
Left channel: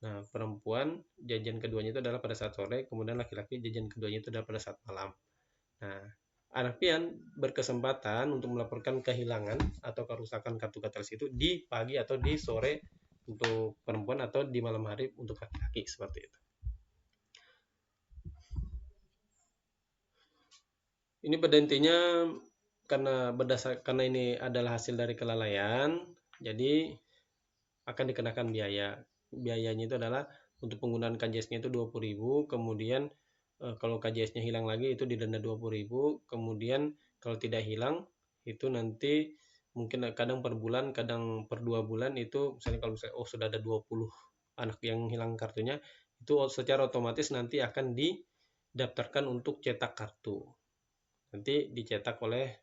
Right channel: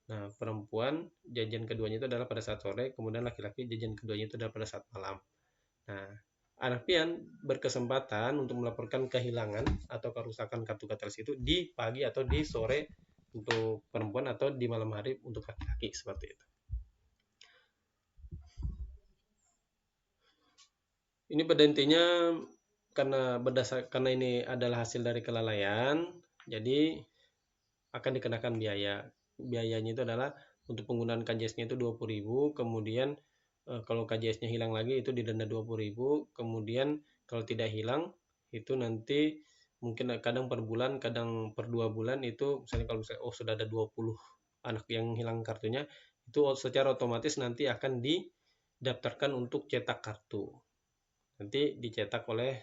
Nah perempuan jajan keduanya itu adalah pada saat sore, kemudian laki-laki jajan keduanya itu adalah pada saat malam. Nah anak pian berkesempatan untuk melaporkan kehilangan atau kerusakan kartu KTP itu di pagi atau di sore untuk perempuan atau di malam hari untuk laki-laki, seperti itu. Ini pada intinya karena ini adalah hasil dari kelalaian, jadi akan dikenakan biaya. Biayanya itu adalah untuk penggunaan KJS-nya itu 20.000, kemudian kalau KJS-nya hilang lagi itu didenda 20.000, kemudian kalau tidak hilang itu nanti mungkin kadang per bulan, kadang per 2 bulan, itu misalnya kalau sudah ada 20 anak yang hilang kartunya, itu secara otomatis nanti akan daftarkan untuk cetak kartu. Nanti dicetak oleh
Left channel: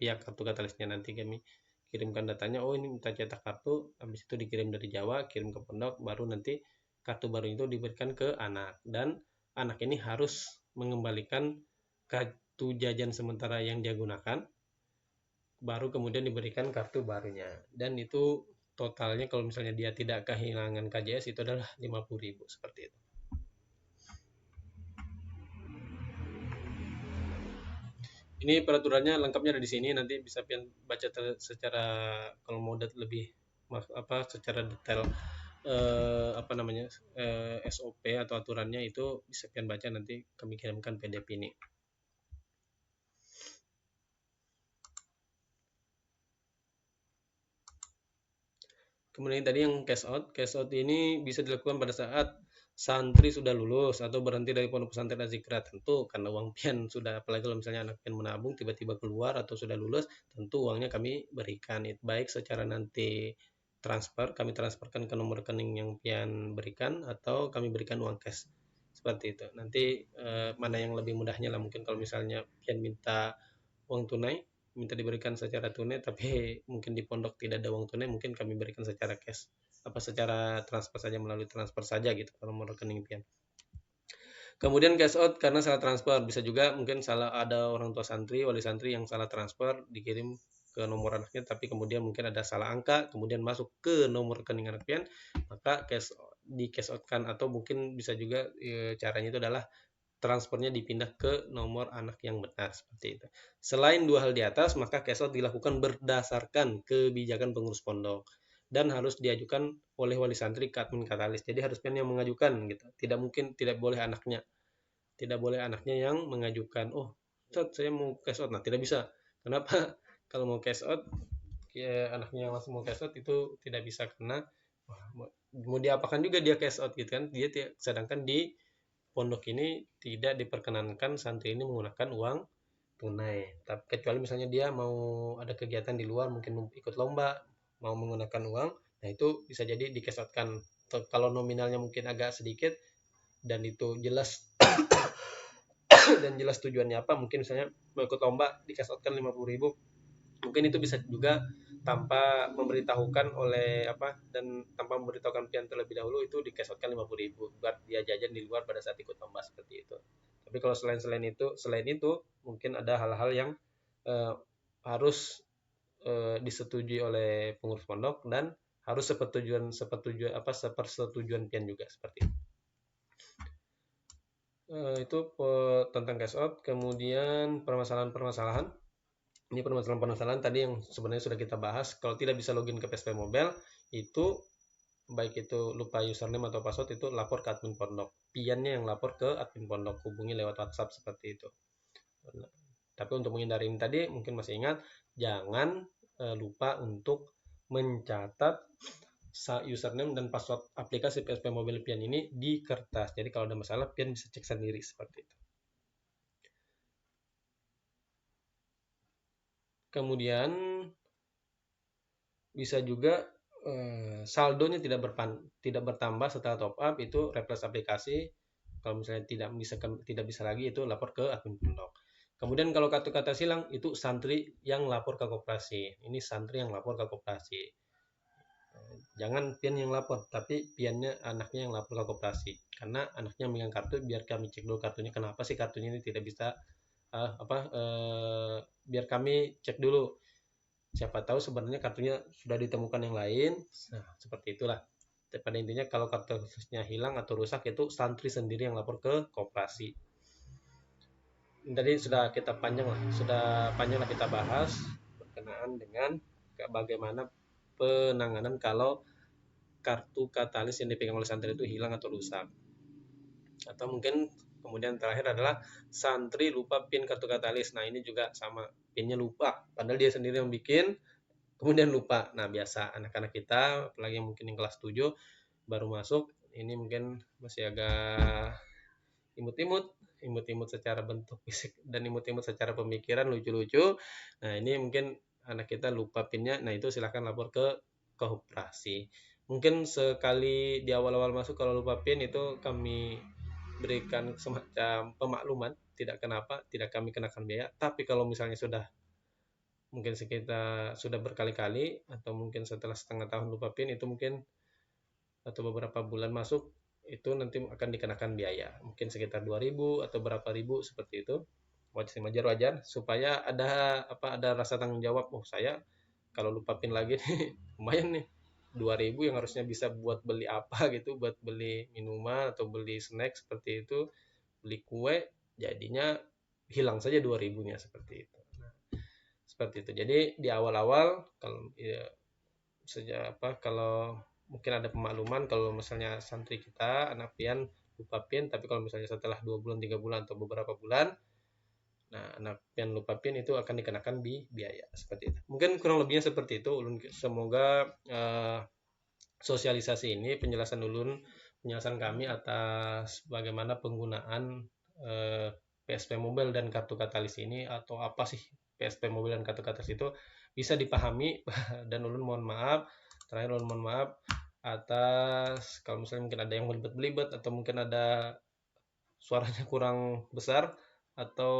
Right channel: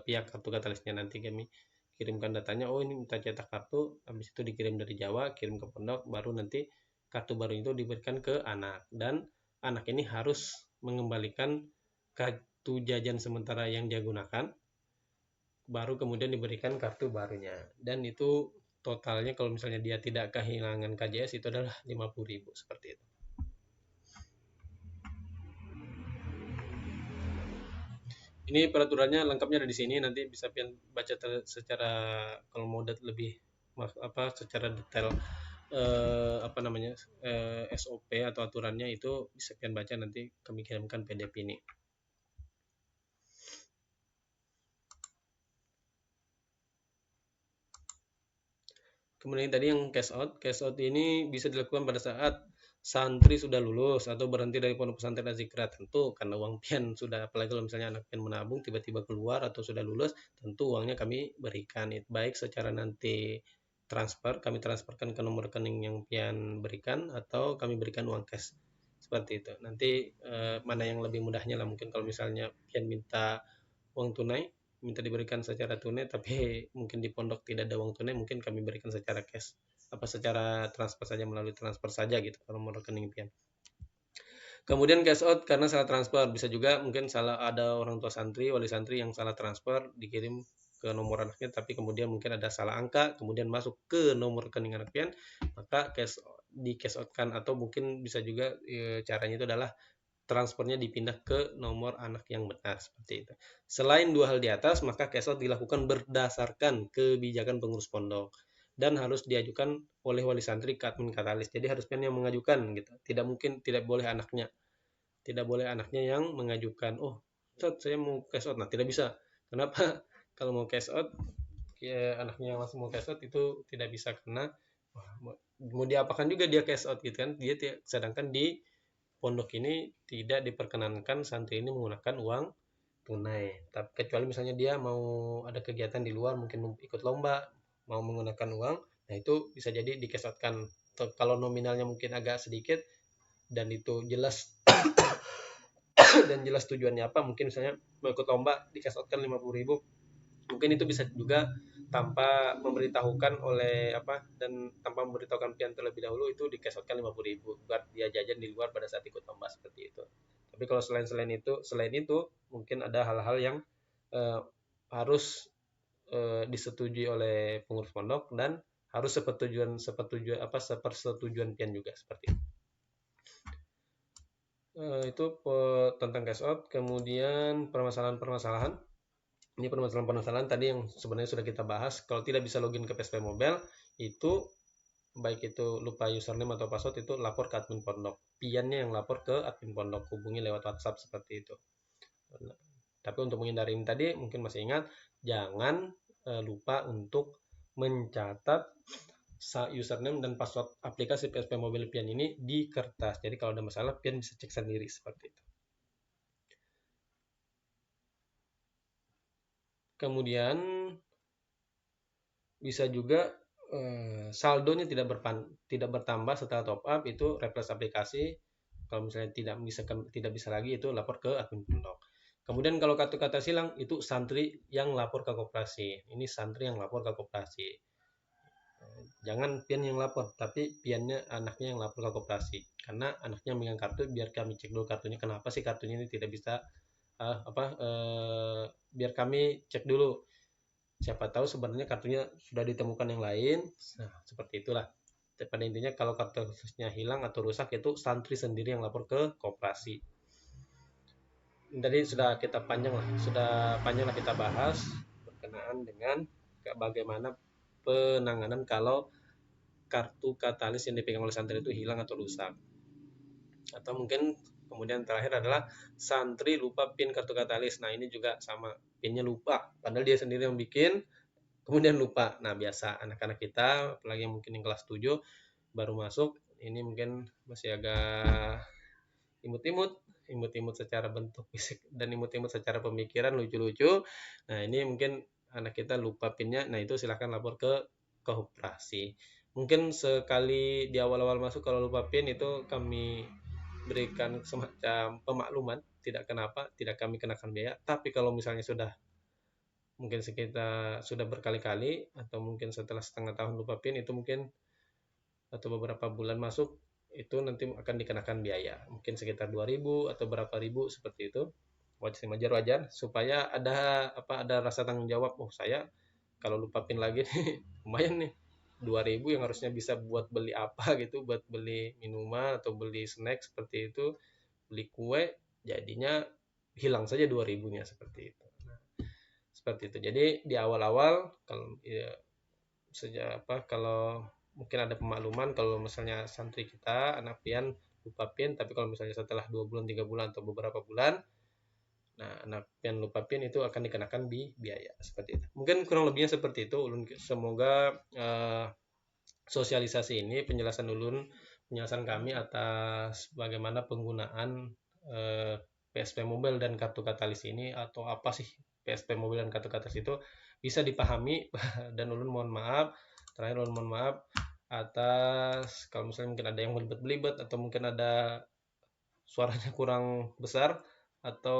pihak kartu gatalesnya. Nanti kami kirimkan datanya, oh ini minta cetak kartu, habis itu dikirim dari Jawa, kirim ke pondok, baru nanti kartu baru itu diberikan ke anak, dan anak ini harus mengembalikan kartu jajan sementara yang dia gunakan, baru kemudian diberikan kartu barunya. Dan itu totalnya kalau misalnya dia tidak kehilangan KJS itu adalah 50.000 seperti itu. Ini peraturannya lengkapnya di sini, nanti bisa kalian baca secara kalau mau lebih secara detail SOP atau aturannya itu bisa kalian baca, nanti kami kirimkan PDF ini. Kemudian tadi yang cash out ini bisa dilakukan pada saat santri sudah lulus atau berhenti dari pondok pesantren Al-Ikhlas. Tentu karena uang pian sudah, apalagi kalau misalnya anaknya menabung tiba-tiba keluar atau sudah lulus, tentu uangnya kami berikan, baik secara nanti kami transferkan ke nomor rekening yang pian berikan, atau kami berikan uang cash seperti itu. Nanti mana yang lebih mudahnya lah, mungkin kalau misalnya pian minta uang tunai, minta diberikan secara tunai, tapi mungkin di pondok tidak ada uang tunai, mungkin kami berikan secara cash, secara transfer saja, melalui transfer saja gitu kalau menurut rekening pian. Kemudian cash out karena salah transfer, bisa juga mungkin salah, ada orang tua santri, wali santri yang salah transfer, dikirim ke nomor rekening, tapi kemudian mungkin ada salah angka, kemudian masuk ke nomor rekening anak pian, maka di cash out kan, atau mungkin bisa juga caranya itu adalah transfernya dipindah ke nomor anak yang benar, seperti itu. Selain dua hal di atas, maka cash out dilakukan berdasarkan kebijakan pengurus pondok dan harus diajukan oleh wali santri ke admin katalis. Jadi harusnya yang mengajukan gitu. Tidak boleh anaknya yang mengajukan, oh saya mau cash out, tidak bisa. Kenapa? Kalau mau cash out, ya anaknya langsung mau cash out itu tidak bisa, kena mau diapakan juga dia cash out gitu kan, sedangkan di pondok ini tidak diperkenankan santri ini menggunakan uang tunai. Tapi kecuali misalnya dia mau ada kegiatan di luar, mungkin mau ikut lomba, mau menggunakan uang, nah itu bisa jadi dikesatkan. Kalau nominalnya mungkin agak sedikit dan itu jelas dan jelas tujuannya apa, mungkin misalnya mau ikut lomba dikesatkan 50.000, mungkin itu bisa juga tanpa memberitahukan dan tanpa memberitahukan pian terlebih dahulu, itu dikesatkan 50.000 buat dia jajan di luar pada saat ikut lomba seperti itu. Tapi kalau selain itu mungkin ada hal-hal yang harus disetujui oleh pengurus pondok dan harus sepersetujuan pian juga seperti itu. Itu tentang cash out. Kemudian permasalahan ini permasalahan tadi yang sebenarnya sudah kita bahas. Kalau tidak bisa login ke PSP Mobile, itu baik itu lupa username atau password, itu lapor ke admin pondok. Piannya yang lapor ke admin pondok, hubungi lewat WhatsApp seperti itu. Tapi untuk menghindari tadi, mungkin masih ingat, jangan lupa untuk mencatat username dan password aplikasi PSP Mobile pian ini di kertas. Jadi kalau ada masalah, pian bisa cek sendiri seperti itu. Kemudian bisa juga saldo ini tidak bertambah setelah top up, itu refresh aplikasi. Kalau misalnya tidak bisa lagi, itu lapor ke admin pondok. Kemudian kalau kartu KTS hilang, itu santri yang lapor ke koperasi. Ini santri yang lapor ke koperasi. Jangan pian yang lapor, tapi piannya anaknya yang lapor ke koperasi. Karena anaknya memegang kartu, biar kami cek dulu kartunya kenapa sih kartunya ini tidak bisa, biar kami cek dulu. Siapa tahu sebenarnya kartunya sudah ditemukan yang lain. Nah, seperti itulah. Pada intinya kalau kartunya hilang atau rusak, itu santri sendiri yang lapor ke koperasi. Tadi sudah panjang kita bahas berkenaan dengan bagaimana penanganan kalau kartu katalis yang dipegang oleh santri itu hilang atau rusak. Atau mungkin kemudian terakhir adalah santri lupa pin kartu katalis. Nah ini juga sama, pinnya lupa, padahal dia sendiri yang bikin, kemudian lupa. Nah biasa anak-anak kita, apalagi mungkin di kelas 7 baru masuk, ini mungkin masih agak imut-imut secara bentuk fisik dan imut-imut secara pemikiran, lucu-lucu. Nah ini mungkin anak kita lupa pinnya, nah itu silakan lapor ke koperasi. Mungkin sekali di awal-awal masuk kalau lupa pin, itu kami berikan semacam pemakluman, tidak kenapa, tidak kami kenakan biaya. Tapi kalau misalnya sudah mungkin sekitar sudah berkali-kali atau mungkin setelah setengah tahun lupa PIN itu mungkin atau beberapa bulan masuk itu nanti akan dikenakan biaya mungkin sekitar 2.000 atau berapa ribu seperti itu. Wajar supaya ada rasa tanggung jawab. Oh, saya kalau lupa PIN lagi lumayan nih 2.000 yang harusnya bisa buat beli apa gitu, buat beli minuman atau beli snack seperti itu, beli kue, jadinya hilang saja 2.000-nya seperti itu. Jadi di awal-awal kalau ya, kalau mungkin ada pemakluman kalau misalnya santri kita anak pian lupa PIN, tapi kalau misalnya setelah 2 bulan 3 bulan atau beberapa bulan, nah anak pian lupa PIN itu akan dikenakan di biaya seperti itu. Mungkin kurang lebihnya seperti itu. Semoga sosialisasi ini penjelasan kami atas bagaimana penggunaan PSP Mobile dan kartu Katalis ini, atau apa sih PSP Mobile dan kartu Katalis itu, bisa dipahami. Dan mohon maaf atas kalau misalnya mungkin ada yang belibet atau mungkin ada suaranya kurang besar atau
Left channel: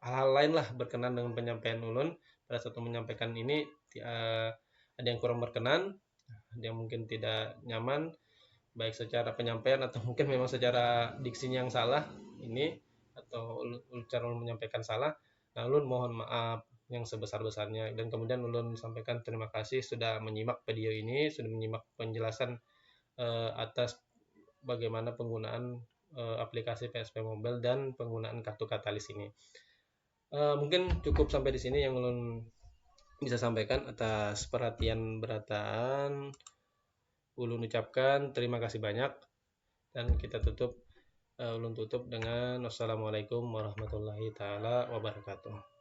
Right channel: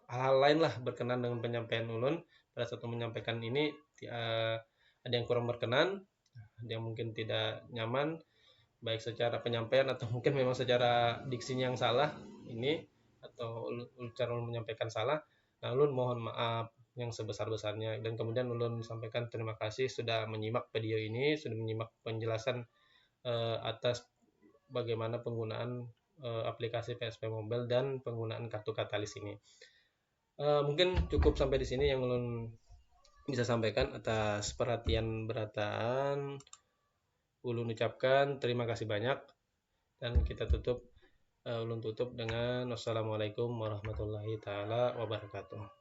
hal lain lah berkenaan dengan penyampaian ulun pada saat menyampaikan ini. Ada yang kurang berkenan, ada yang mungkin tidak nyaman baik secara penyampaian atau mungkin memang secara diksinya yang salah ini, atau cara menyampaikan salah, lalu mohon maaf yang sebesar-besarnya. Dan kemudian ulun sampaikan terima kasih sudah menyimak video ini, sudah menyimak penjelasan atas bagaimana penggunaan aplikasi PSP Mobile dan penggunaan kartu Katalis ini. Mungkin cukup sampai di sini yang ulun bisa sampaikan. Atas perhatian berataan ulun ucapkan terima kasih banyak, dan kita tutup dengan wassalamualaikum warahmatullahi taala wabarakatuh.